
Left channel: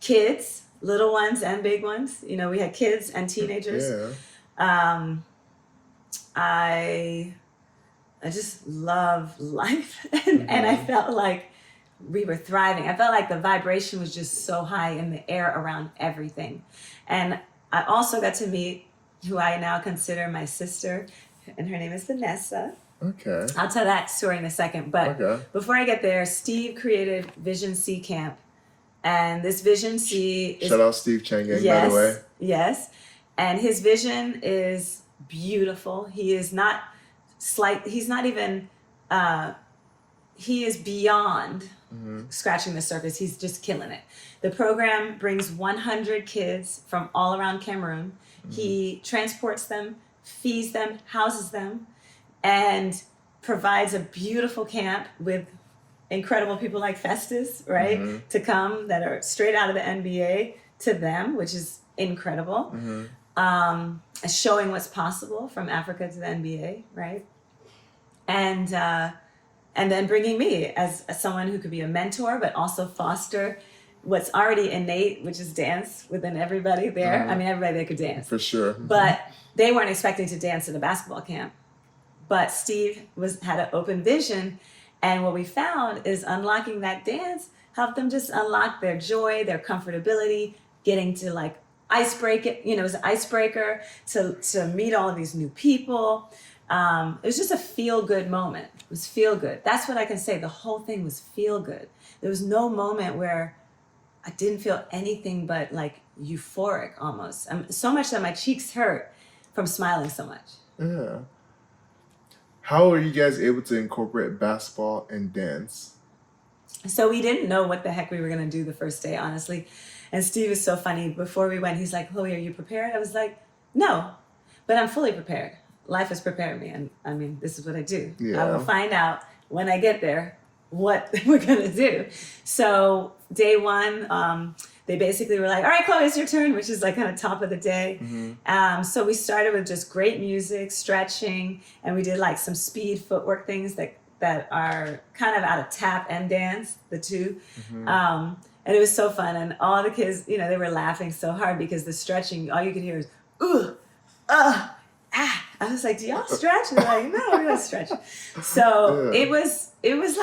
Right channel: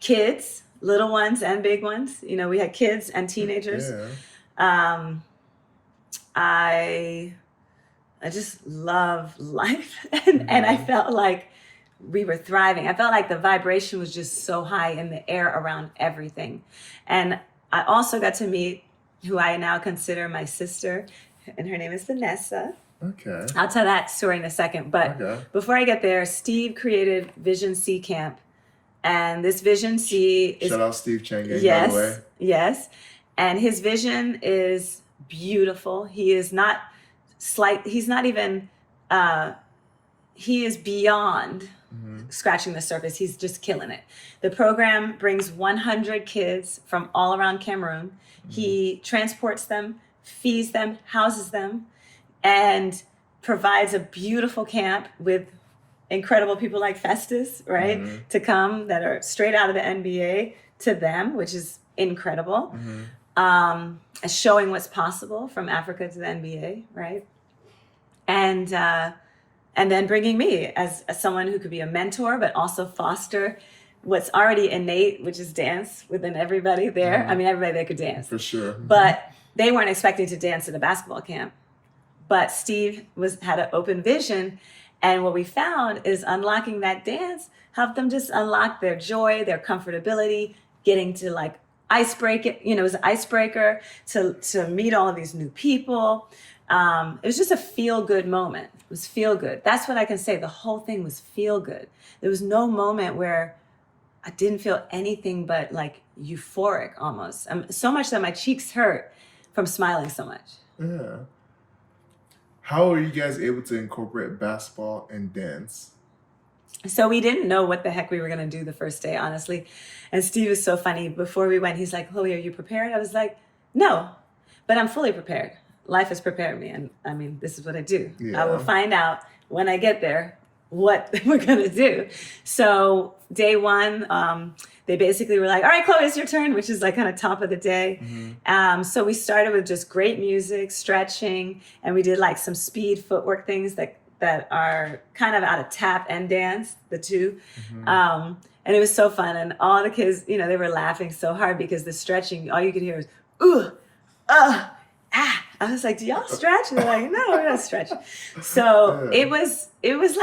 kids, little ones and big ones. You know, we had kids and teenagers. I just love life. And I felt like we were thriving. I felt like the vibration was just so high in the air around everything. And I also got to meet who I now consider my sister, and her name is Vanessa. Okay. I'll tell that story in a second. But before I get there, Steve created Vision C Camp. And this Vision C is... Shout out Steve Chang'e, yes, by the way. Yes. And his vision is beautiful. He is not he's not even... he is beyond scratching the surface. He's just killing it. The program brings 100 kids from all around Cameroon. He transports them, feeds them, houses them, and provides a beautiful camp with incredible people like Festus, right? To come that are straight out of the NBA to them, which is incredible. Showing what's possible from Africa to the NBA, right? And then bringing me as someone who could be a mentor, but also foster what's already innate, which is dance within everybody there. I mean, everybody there could dance. For sure. But they weren't expecting to dance at a basketball camp. But Steve had an open vision. And what we found is unlocking that dance helped them just unlock their joy, their comfortability, getting to like icebreak it. You know, it was an icebreaker to meet all of these new people. It was just a feel-good moment. It was feel-good. That's what I can say. The whole thing was feel-good. There was no moment where I didn't feel anything but like euphoric almost. So much that my cheeks hurt from smiling so much. Yeah. How are you guys able to incorporate basketball and dance? So we didn't know what the heck we were going to do the first day, honestly. And Steve is so funny. Before we went, he's like, Chloe, are you prepared? I was like, no, but I'm fully prepared. Life has prepared me. And I mean, this is what I do. I will find out when I get there what we're going to do. So day one, they basically were like, all right, Chloe, it's your turn, which is like kind of top of the day. So we started with just great music, stretching, and we did like some speed footwork things that are kind of out of tap and dance, the two. And it was so fun. And all the kids, you know, they were laughing so hard because the stretching, all you could hear was, ooh, ah. I was like, do y'all stretch? And they're like, no, we're not stretching. So it was just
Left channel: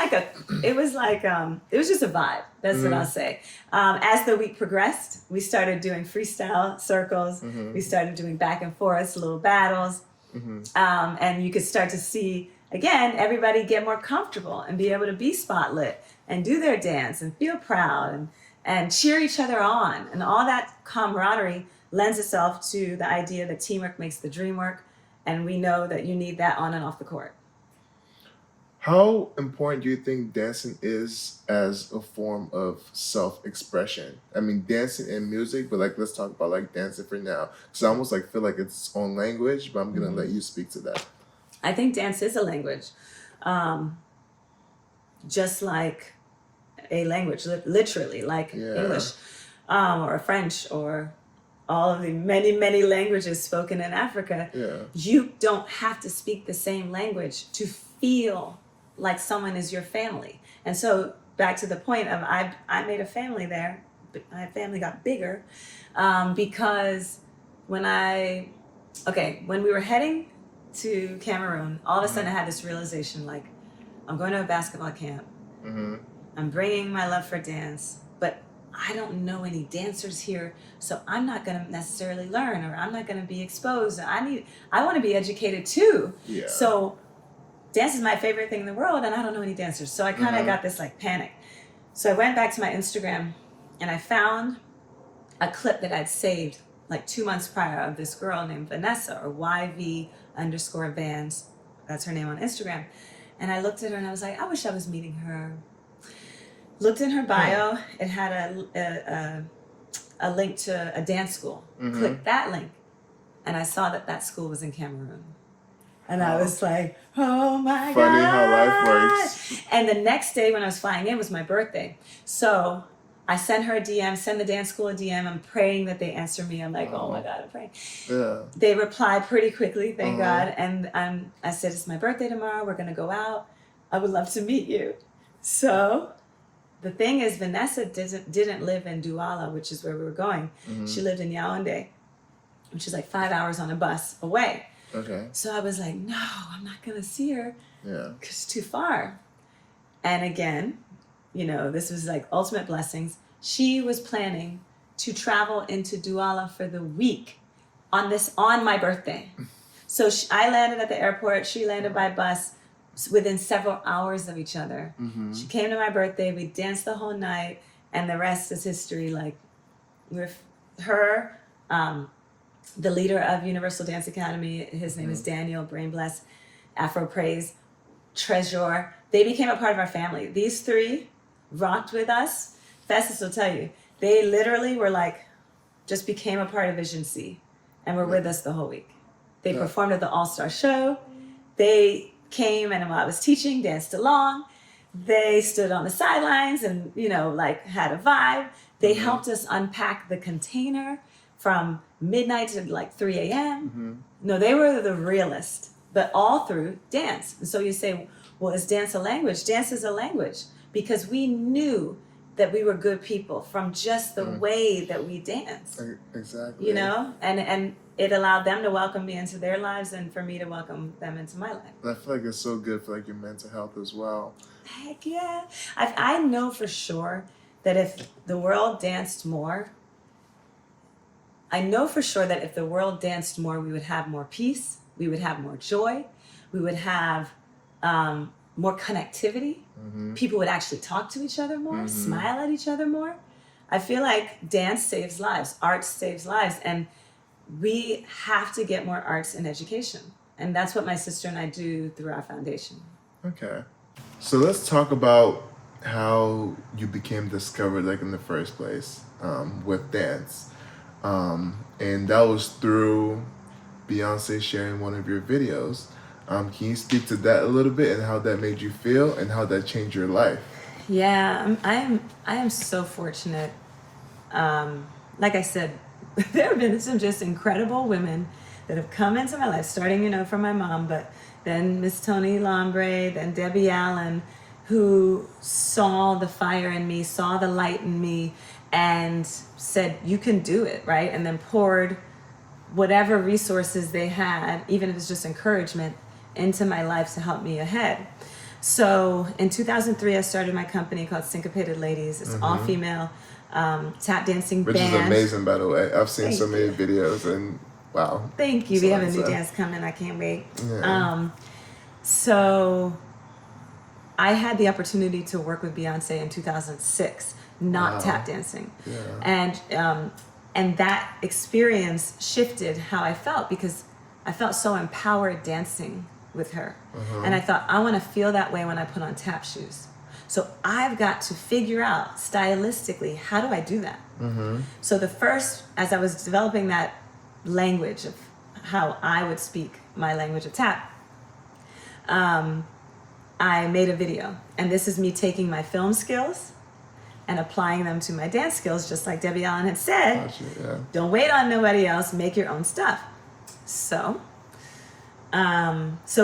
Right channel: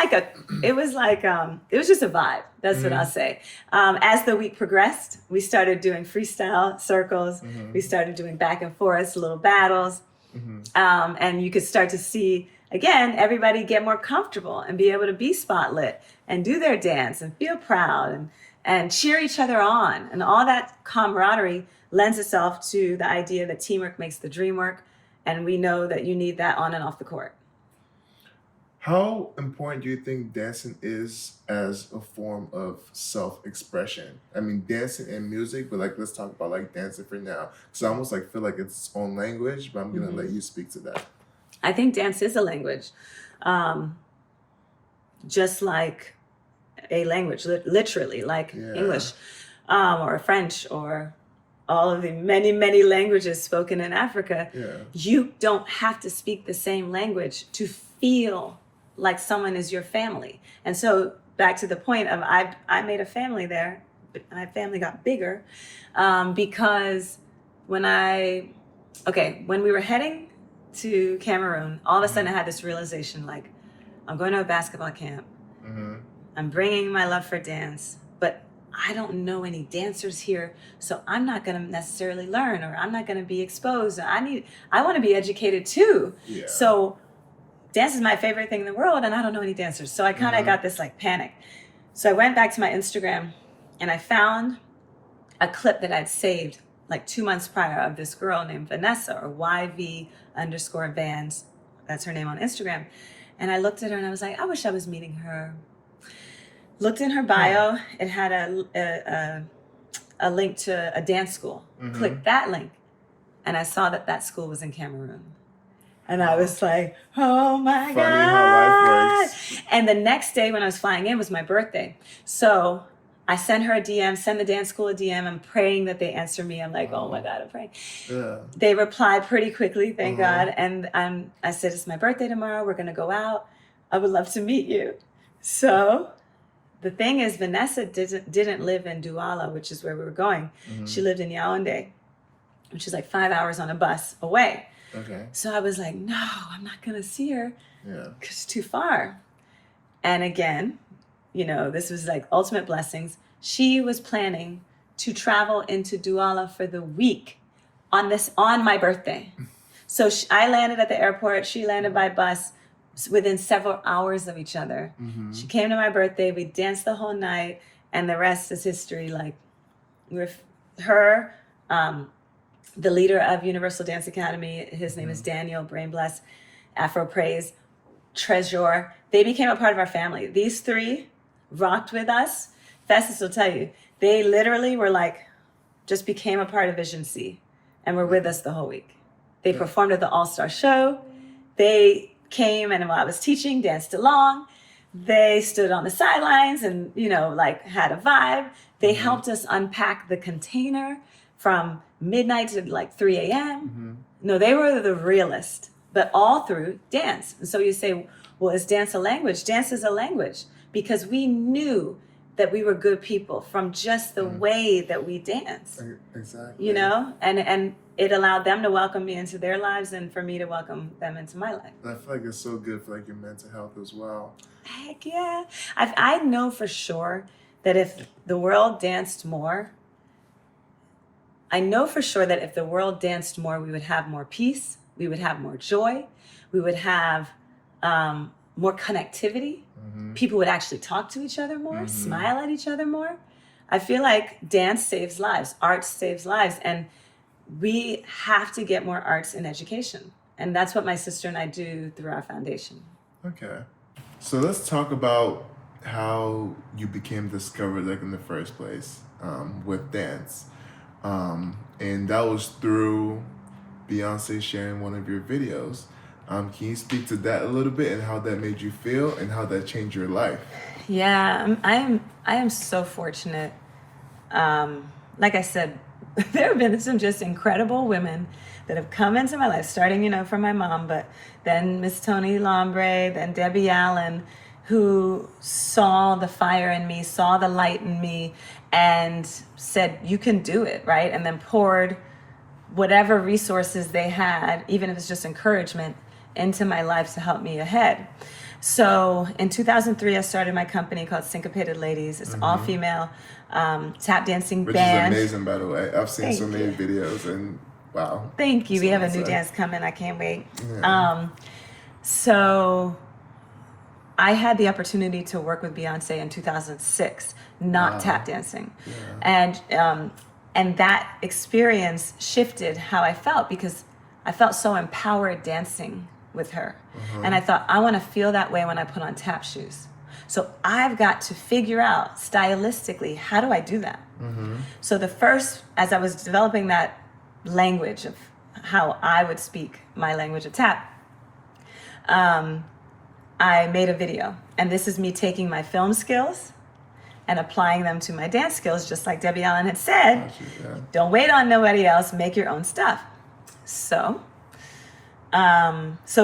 a vibe. That's what I'll say. As the week progressed, we started doing freestyle circles. We started doing back and forth, little battles. And you could start to see, again, everybody get more comfortable and be able to be spotlit and do their dance and feel proud and cheer each other on. And all that camaraderie lends itself to the idea that teamwork makes the dream work. And we know that you need that on and off the court. How important do you think dancing is as a form of self-expression? I mean, dancing and music, but like, let's talk about like dancing for now. Because I almost like feel like it's its own language, but I'm going to let you speak to that. I think dance is a language. Just like a language, literally, like English or French or all of the many, many languages spoken in Africa. You don't have to speak the same language to feel like someone is your family. And so back to the point of I made a family there, but my family got bigger because when we were heading to Cameroon, all of a sudden I had this realization, like, I'm going to a basketball camp. I'm bringing my love for dance, but I don't know any dancers here, so I'm not going to necessarily learn, or I'm not going to be exposed. I want to be educated too. So dance is my favorite thing in the world, and I don't know any dancers. So I kind of got this like panic. So I went back to my Instagram and I found a clip that I'd saved like 2 months prior of this girl named Vanessa, or YV_Vans. That's her name on Instagram. And I looked at her and I was like, I wish I was meeting her. Looked in her bio, it had a link to a dance school. Clicked that link, and I saw that school was in Cameroon. And I was like, oh my God. Funny how life works. And the next day when I was flying in was my birthday. So I sent her a DM, send the dance school a DM. I'm praying that they answer me. I'm like, oh my God, I'm praying. They replied pretty quickly, thank God. And I said, it's my birthday tomorrow. We're going to go out. I would love to meet you. So the thing is, Vanessa didn't live in Douala, which is where we were going. She lived in Yaoundé, which is like 5 hours on a bus away. So I was like, no, I'm not going to see her because it's too far. And again, this was like ultimate blessings. She was planning to travel into Douala for the week on my birthday. So I landed at the airport. She landed by bus within several hours of each other. She came to my birthday. We danced the whole night, and the rest is history. Like, with her, the leader of Universal Dance Academy, his name is Daniel, brain bless, Afro Praise, Treasure. They became a part of our family. These three rocked with us. Festus will tell you, they literally were like, just became a part of Vision C, and were with us the whole week. They performed at the All-Star Show. They came, and while I was teaching, danced along. They stood on the sidelines and, like, had a vibe. They helped us unpack the container from midnight to like 3 a.m. No, they were the realest, but all through dance. And so you say, well, is dance a language? Dance is a language, because we knew that we were good people from just the way that we dance. Exactly. And it allowed them to welcome me into their lives, and for me to welcome them into my life. I feel like it's so good for like your mental health as well. Heck yeah. I know for sure that if the world danced more, we would have more peace, we would have more joy, we would have more connectivity. People would actually talk to each other more, smile at each other more. I feel like dance saves lives, art saves lives, and we have to get more arts in education. And that's what my sister and I do through our foundation. Okay. So let's talk about how you became discovered, like, in the first place, with dance. And that was through Beyonce sharing one of your videos. Can you speak to that a little bit, and how that made you feel, and how that changed your life? Yeah, I am so fortunate. Like I said, there have been some just incredible women that have come into my life, starting, from my mom, but then Miss Toni Lombre, then Debbie Allen, who saw the fire in me, saw the light in me, and said, you can do it, right? And then poured whatever resources they had, even if it's just encouragement, into my life to help me ahead. So in 2003, I started my company called Syncopated Ladies. It's all female tap dancing band. Which is amazing, by the way. I've seen so many videos, and wow. Thank you. We have a new dance coming. I can't wait. Yeah. So I had the opportunity to work with Beyonce in 2006, not tap dancing. Yeah. And that experience shifted how I felt, because I felt so empowered dancing with her. And I thought, I want to feel that way when I put on tap shoes. So I've got to figure out stylistically, how do I do that? So as I was developing that language of how I would speak my language of tap, I made a video. And this is me taking my film skills and applying them to my dance skills, just like Debbie Allen had said. Don't wait on nobody else, make your own stuff. So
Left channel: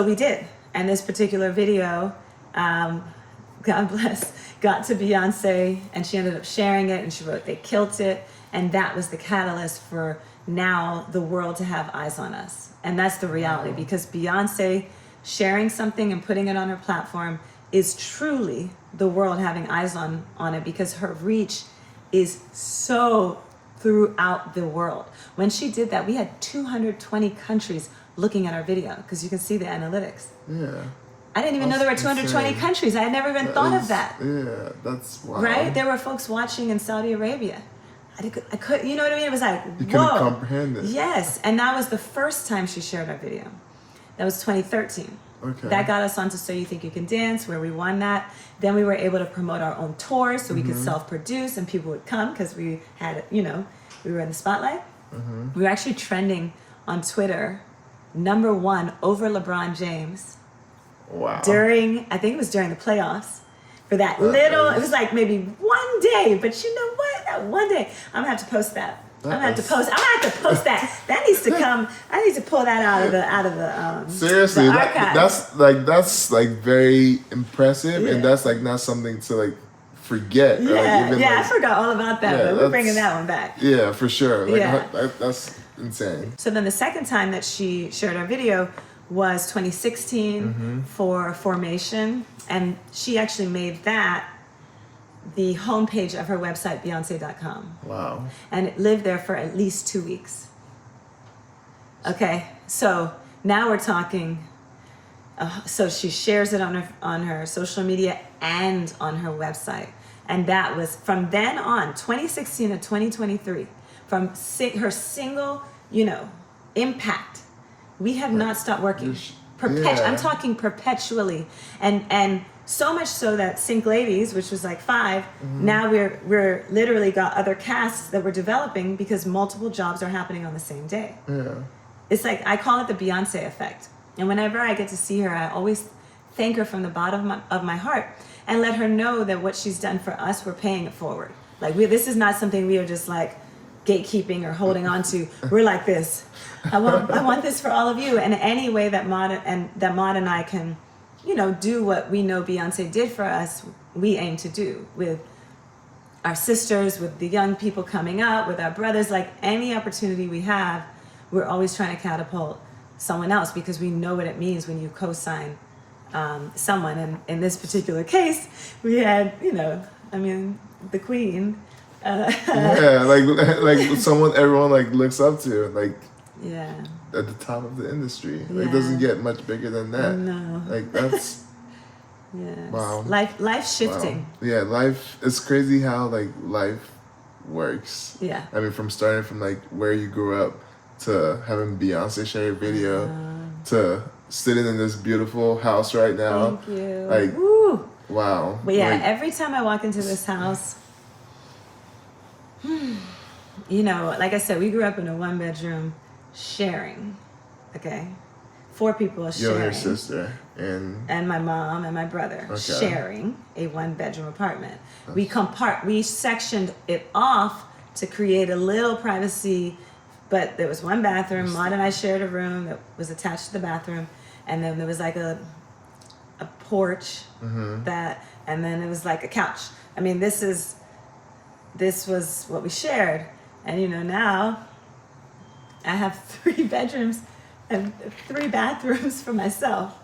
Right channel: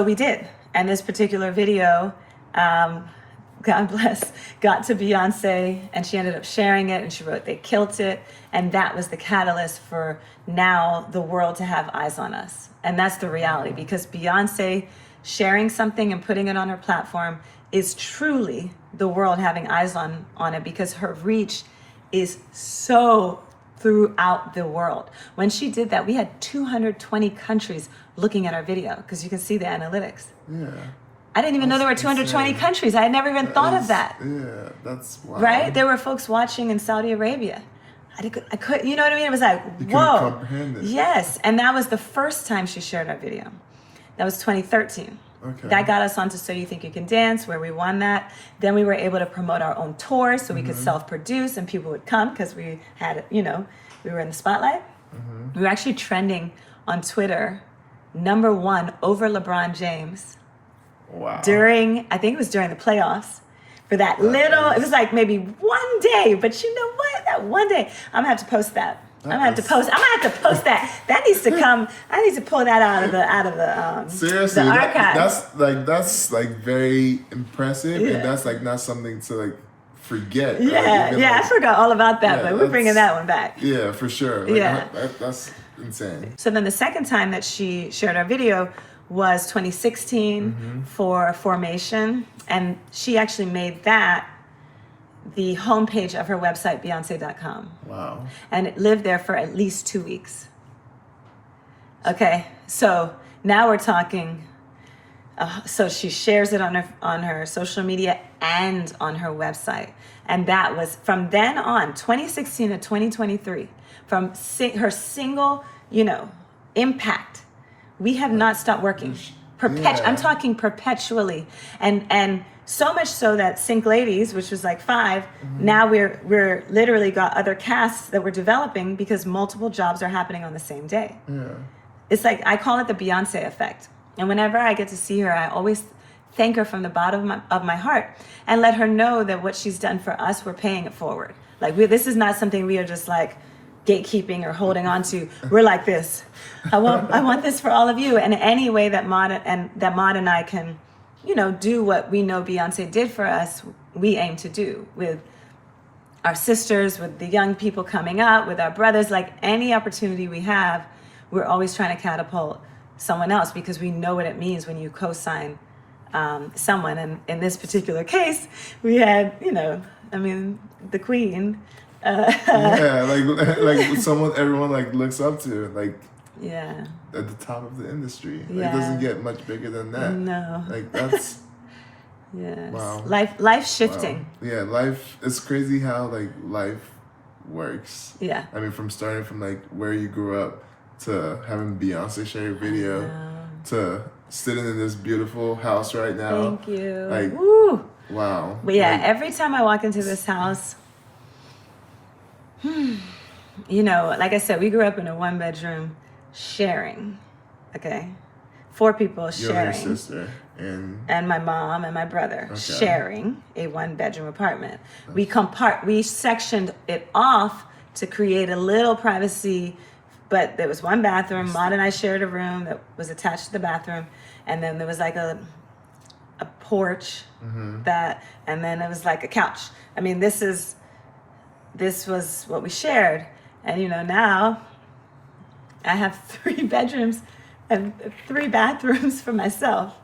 we did. And this particular video, God bless, got to Beyonce, and she ended up sharing it, and she wrote, they killed it. And that was the catalyst for now the world to have eyes on us. And that's the reality, because Beyonce sharing something and putting it on her platform is truly the world having eyes on it, because her reach is so throughout the world. When she did that, we had 220 countries looking at our video, because you can see the analytics. Yeah. I didn't even know there were 220 countries. I had never even thought of that. Yeah, that's wild. Right? There were folks watching in Saudi Arabia. I could, you know what I mean? It was like, you whoa. Couldn't comprehend it. Yes, and that was the first time she shared our video. That was 2013. Okay. That got us onto So You Think You Can Dance, where we won that. Then we were able to promote our own tour, so we could self-produce, and people would come because we had, we were in the spotlight. We were actually trending on Twitter, #1 over LeBron James. Wow. I think it was during the playoffs, for it was like maybe one day, but you know what? That one day, I'm gonna have to post that. I'm gonna have to post that. That needs to come. I need to pull that out of the seriously, the archive. that's very impressive, and that's like not something to forget. I forgot all about that, but we're bringing that one back. Yeah, for sure. That's insane. So then the second time that she shared our video was 2016 for Formation, and she actually made that the homepage of her website, Beyonce.com. Wow. And it lived there for at least 2 weeks. Okay, so now we're talking. So she shares it on her social media and on her website. And that was from then on, 2016 to 2023, from her single, impact. We have not stopped working. I'm talking perpetually. And so much so that Sync Ladies, which was like 5, now we're literally got other casts that we're developing because multiple jobs are happening on the same day. Yeah. It's like, I call it the Beyonce effect. And whenever I get to see her, I always thank her from the bottom of my heart and let her know that what she's done for us, we're paying it forward. Like, this is not something we are just like gatekeeping or holding on to. We're like this. I want this for all of you. And any way that Maud and I can, do what we know Beyonce did for us, we aim to do with our sisters, with the young people coming up, with our brothers. Like, any opportunity we have, we're always trying to catapult someone else, because we know what it means when you co-sign someone. And in this particular case, we had, the Queen. Yeah, like someone everyone like looks up to, like, yeah, at the top of the industry. Yeah. Like, it doesn't get much bigger than that. No. Like, that's yes. wow. Life shifting. Wow. Yeah, life. It's crazy how like life works. Yeah. I mean, from starting from like where you grew up to having Beyonce share a video to sitting in this beautiful house right now. Thank you. Like, woo. Wow. But yeah, like, every time I walk into this house, like I said, we grew up in a 1-bedroom sharing. Okay. 4 people sharing. You and your sister and my mom and my brother sharing a 1-bedroom apartment. We sectioned it off to create a little privacy, but there was 1 bathroom. Maud and I shared a room that was attached to the bathroom, and then there was like a porch and then it was like a couch. I mean, this was what we shared. And now I have 3 bedrooms and 3 bathrooms for myself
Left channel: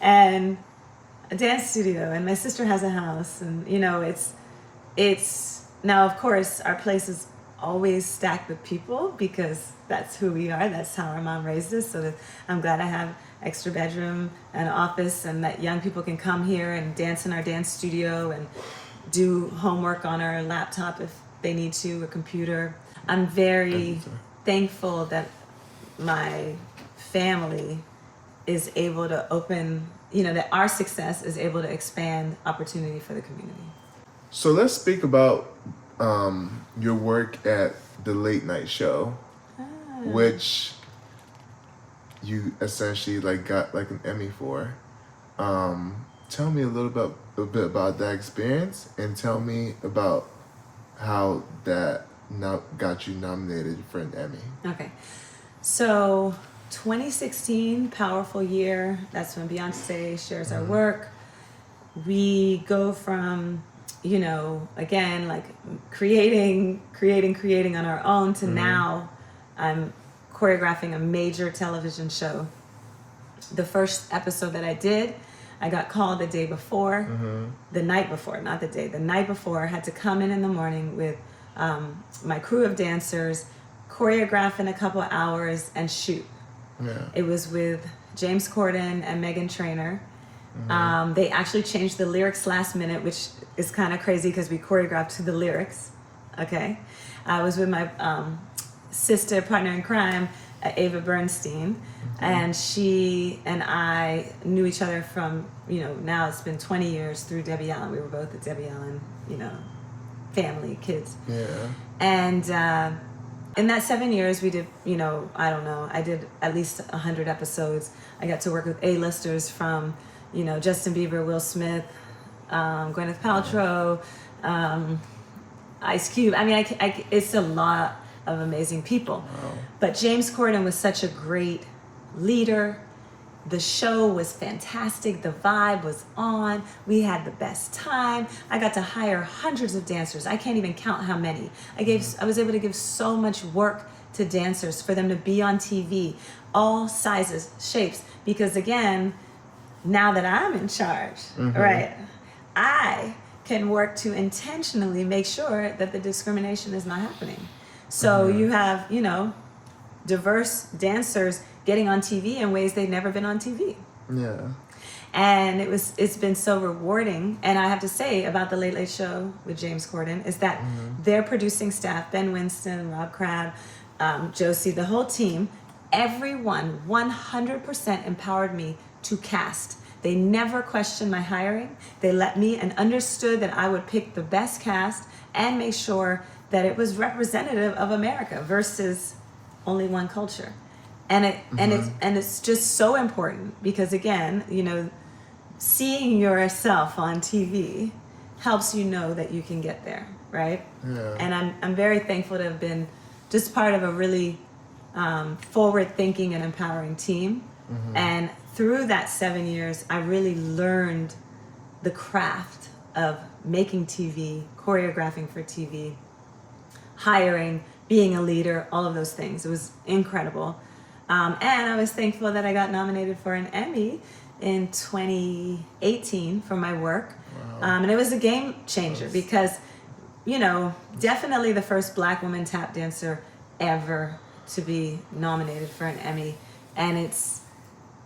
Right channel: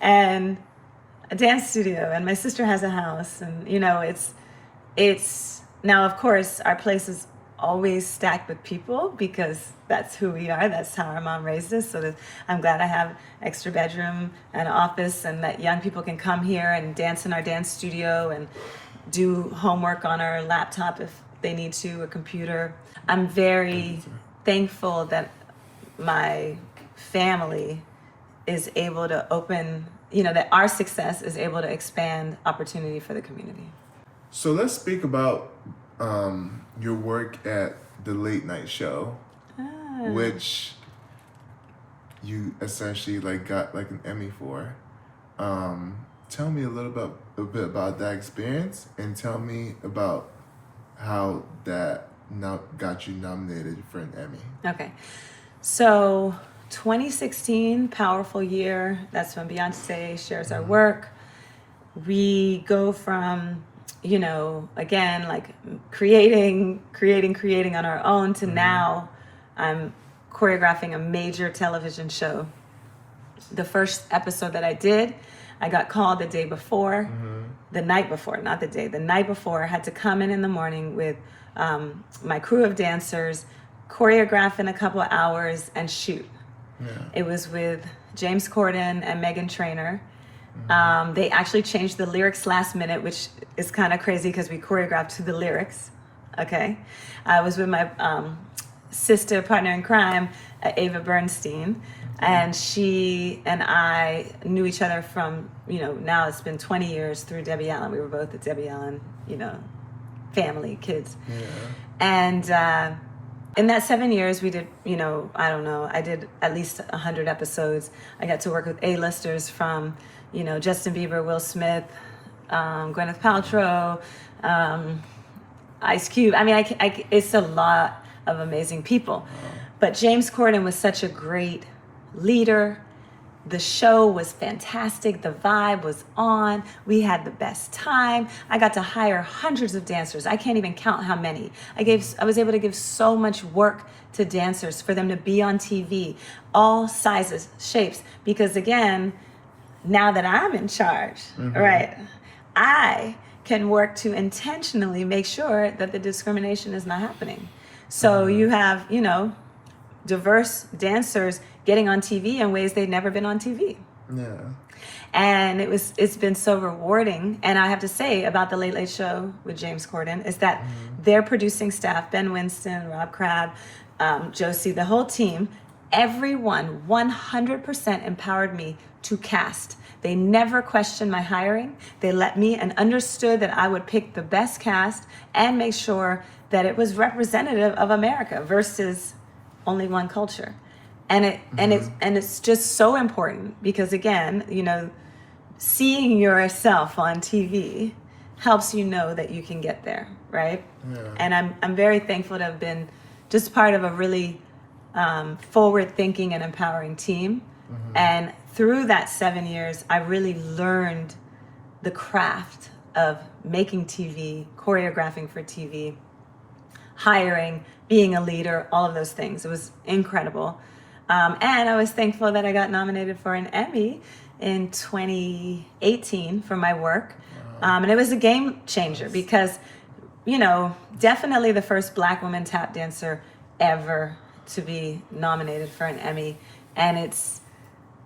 and a dance studio, and my sister has a house, and it's now, of course, our place is always stacked with people because that's who we are. That's how our mom raised us. So I'm glad I have extra bedroom and office, and that young people can come here and dance in our dance studio and do homework on our laptop if they need to, a computer. I'm very thankful that my family is able to open, that our success is able to expand opportunity for the community. So let's speak about your work at the late night show, which you essentially got an Emmy for. Tell me a bit about that experience, and tell me about how that got you nominated for an Emmy. Okay, so 2016, powerful year. That's when Beyonce shares our work. We go from again, creating on our own to now I'm choreographing a major television show. The first episode that I did, I got called the night before, I had to come in the morning with my crew of dancers, choreograph in a couple of hours, and shoot. Yeah. It was with James Corden and Meghan Trainor. They actually changed the lyrics last minute, which is kind of crazy because we choreographed to the lyrics. Okay. I was with my sister, partner in crime, Ava Bernstein, and she and I knew each other from, now it's been 20 years through Debbie Allen. We were both at Debbie Allen, family, kids. Yeah. And in that 7 years, we did, I did at least 100 episodes. I got to work with A-listers from, Justin Bieber, Will Smith, Gwyneth Paltrow, Ice Cube. I mean, it's a lot of amazing people. Wow. But James Corden was such a great leader. The show was fantastic. The vibe was on. We had the best time. I got to hire hundreds of dancers. I can't even count how many. I was able to give so much work to dancers for them to be on TV, all sizes, shapes, because again, now that I'm in charge, right, I can work to intentionally make sure that the discrimination is not happening. So you have, diverse dancers getting on TV in ways they've never been on TV. Yeah. And it's been so rewarding. And I have to say about the Late Late Show with James Corden is that their producing staff, Ben Winston, Rob Crabb, Josie, the whole team, everyone 100% empowered me to cast. They never questioned my hiring. They let me and understood that I would pick the best cast and make sure that it was representative of America versus only one culture. And it's just so important because, again, seeing yourself on TV helps you know that you can get there, right? Yeah. And I'm very thankful to have been just part of a really forward-thinking and empowering team. And through that 7 years, I really learned the craft of making TV, choreographing for TV, hiring, being a leader, all of those things. It was incredible. And I was thankful that I got nominated for an Emmy in 2018 for my work. And it was a game changer because, definitely the first Black woman tap dancer ever to be nominated for an Emmy. And it's,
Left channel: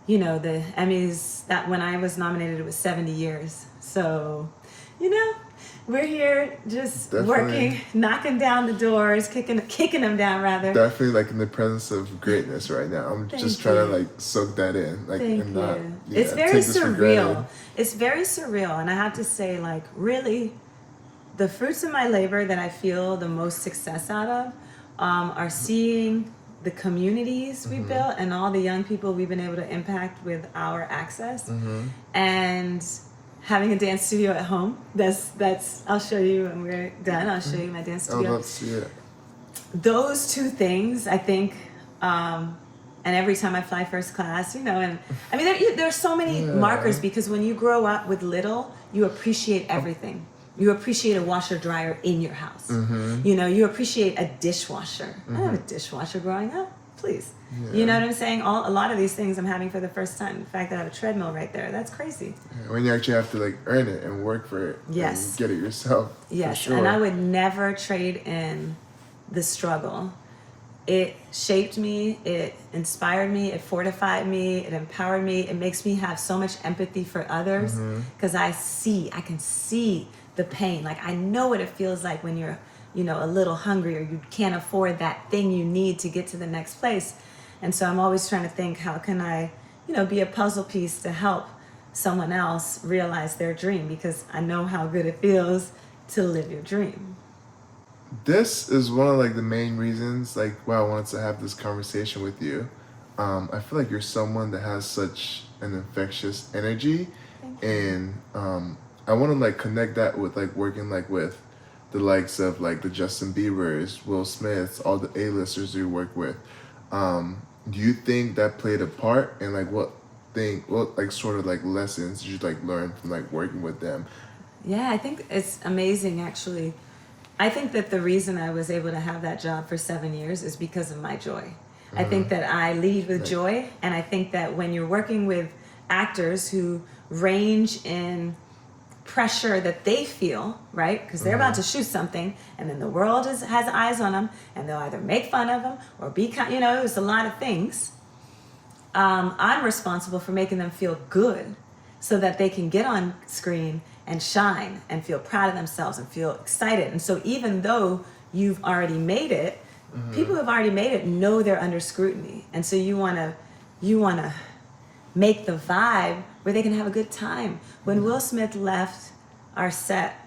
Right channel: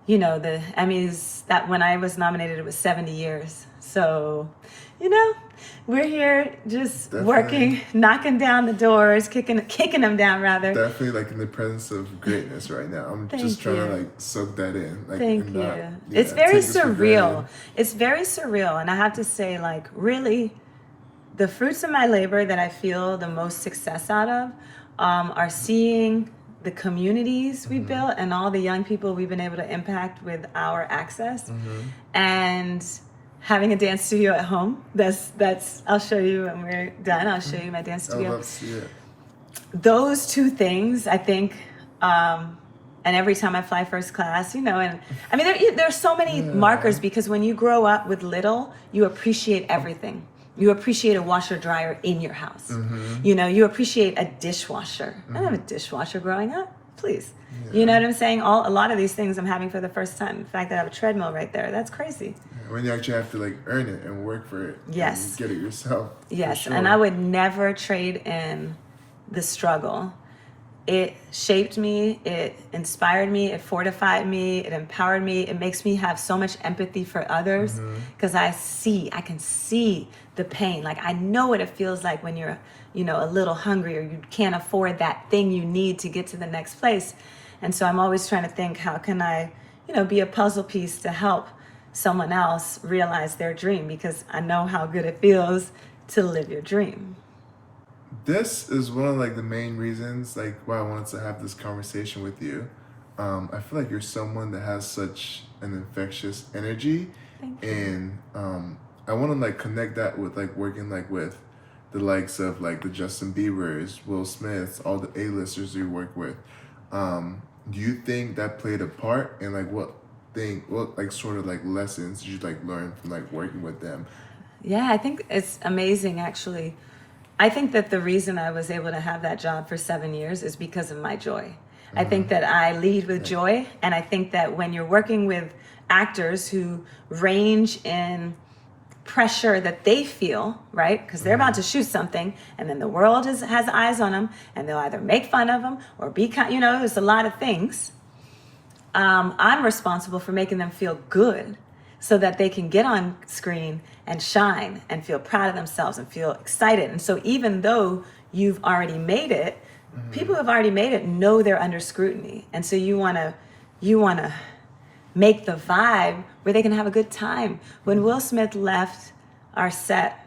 the Emmys, that when I was nominated, it was 70 years. So, we're here just working, knocking down the doors, kicking them down rather. Definitely like in the presence of greatness right now. I'm just trying to like soak that in. Like, Thank you. It's very surreal. It's very surreal. And I have to say, like, really, the fruits of my labor that I feel the most success out of are seeing the communities we built and all the young people we've been able to impact with our access. And having a dance studio at home. That's I'll show you when we're done. I'll show you my dance studio. I'd love to see it. Those two things, I think, and every time I fly first class, and I mean, there's so many markers because when you grow up with little, you appreciate everything. You appreciate a washer dryer in your house. You appreciate a dishwasher. I didn't have a dishwasher growing up. Please. Yeah. You know what I'm saying? A lot of these things I'm having for the first time. The fact that I have a treadmill right there, that's crazy. Yeah, when you actually have to like earn it and work for it. Yes. And get it yourself. Yes. Sure. And I would never trade in the struggle. It shaped me, it inspired me, it fortified me, it empowered me. It makes me have so much empathy for others because I can see the pain. Like I know what it feels like when you're a little hungry or you can't afford that thing you need to get to the next place. And so I'm always trying to think, how can I, be a puzzle piece to help someone else realize their dream, because I know how good it feels to live your dream. This is one of like the main reasons like why I wanted to have this conversation with you. I feel like you're someone that has such an infectious energy. Thank you. And I want to like connect that with like working like with the likes of like the Justin Biebers, Will Smiths, all the A-listers you work with. Do you think that played a part in like what like sort of like lessons did you like learn from like working with them? Yeah, I think it's amazing actually. I think that the reason I was able to have that job for 7 years is because of my joy. I think that I lead with joy, and I think that when you're working with actors who range in pressure that they feel, right? Because they're about to shoot something, and then the world has eyes on them, and they'll either make fun of them or be kind. There's a lot of things. I'm responsible for making them feel good, so that they can get on screen and shine and feel proud of themselves and feel excited. And so even though you've already made it, people who have already made it know they're under scrutiny. And so you want to make the vibe where they can have a good time. When Will Smith left our set,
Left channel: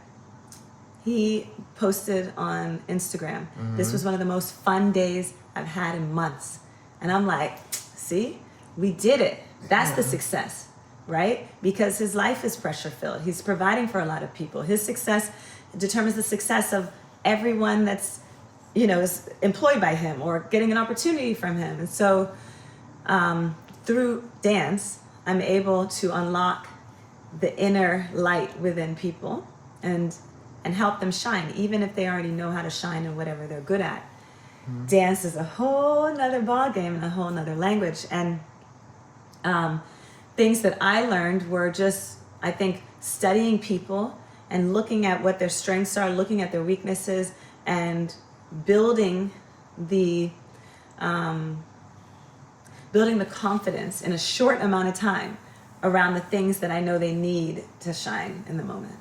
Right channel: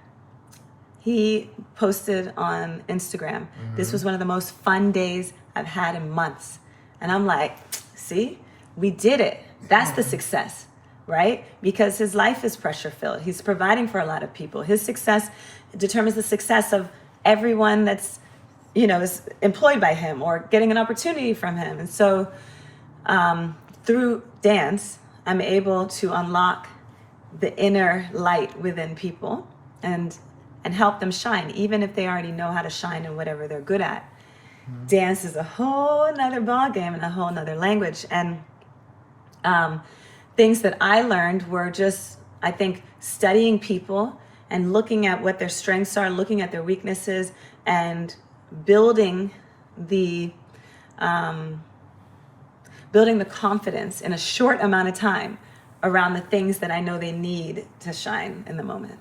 he posted on Instagram, "This was one of the most fun days I've had in months." And I'm like, see, we did it. That's the success. Right? Because his life is pressure filled. He's providing for a lot of people. His success determines the success of everyone that's, is employed by him or getting an opportunity from him. And so through dance, I'm able to unlock the inner light within people and help them shine, even if they already know how to shine in whatever they're good at. Dance is a whole nother ballgame and a whole nother language. And things that I learned were just, I think, studying people and looking at what their strengths are, looking at their weaknesses, and building the confidence in a short amount of time around the things that I know they need to shine in the moment.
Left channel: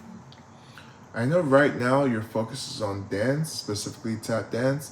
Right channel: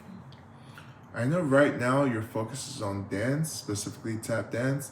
I know right now your focus is on dance, specifically tap dance.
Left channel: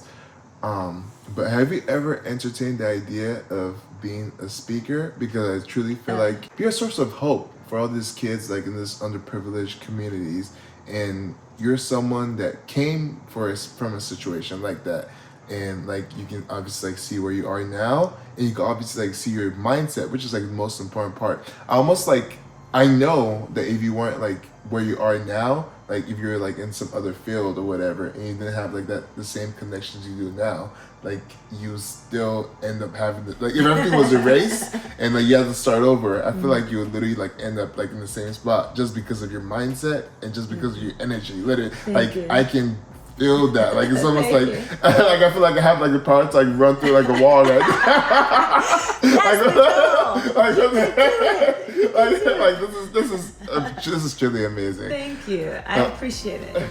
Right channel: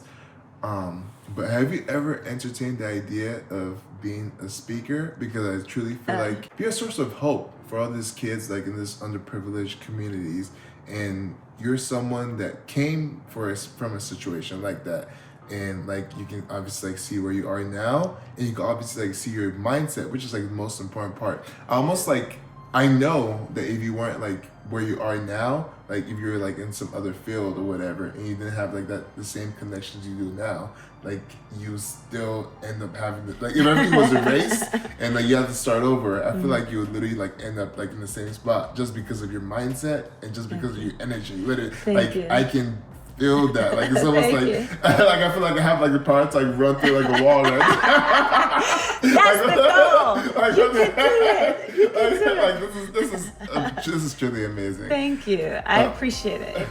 But have you ever entertained the idea of being a speaker? Because I truly feel like you're a source of hope for all these kids like in this underprivileged communities, and you're someone that came from a situation like that, and like you can obviously like see where you are now, and you can obviously like see your mindset, which is like the most important part. I know that if you weren't like where you are now, like if you're like in some other field or whatever, and you didn't have like the same connections you do now, like you still end up having like if everything was erased and like you had to start over, I feel like you would literally like end up like in the same spot just because of your mindset and just because of your energy. Literally, I can feel that. Like it's almost like like I feel like I have like the power to like run through like a wall. Right? This is truly amazing. Thank you. I appreciate it.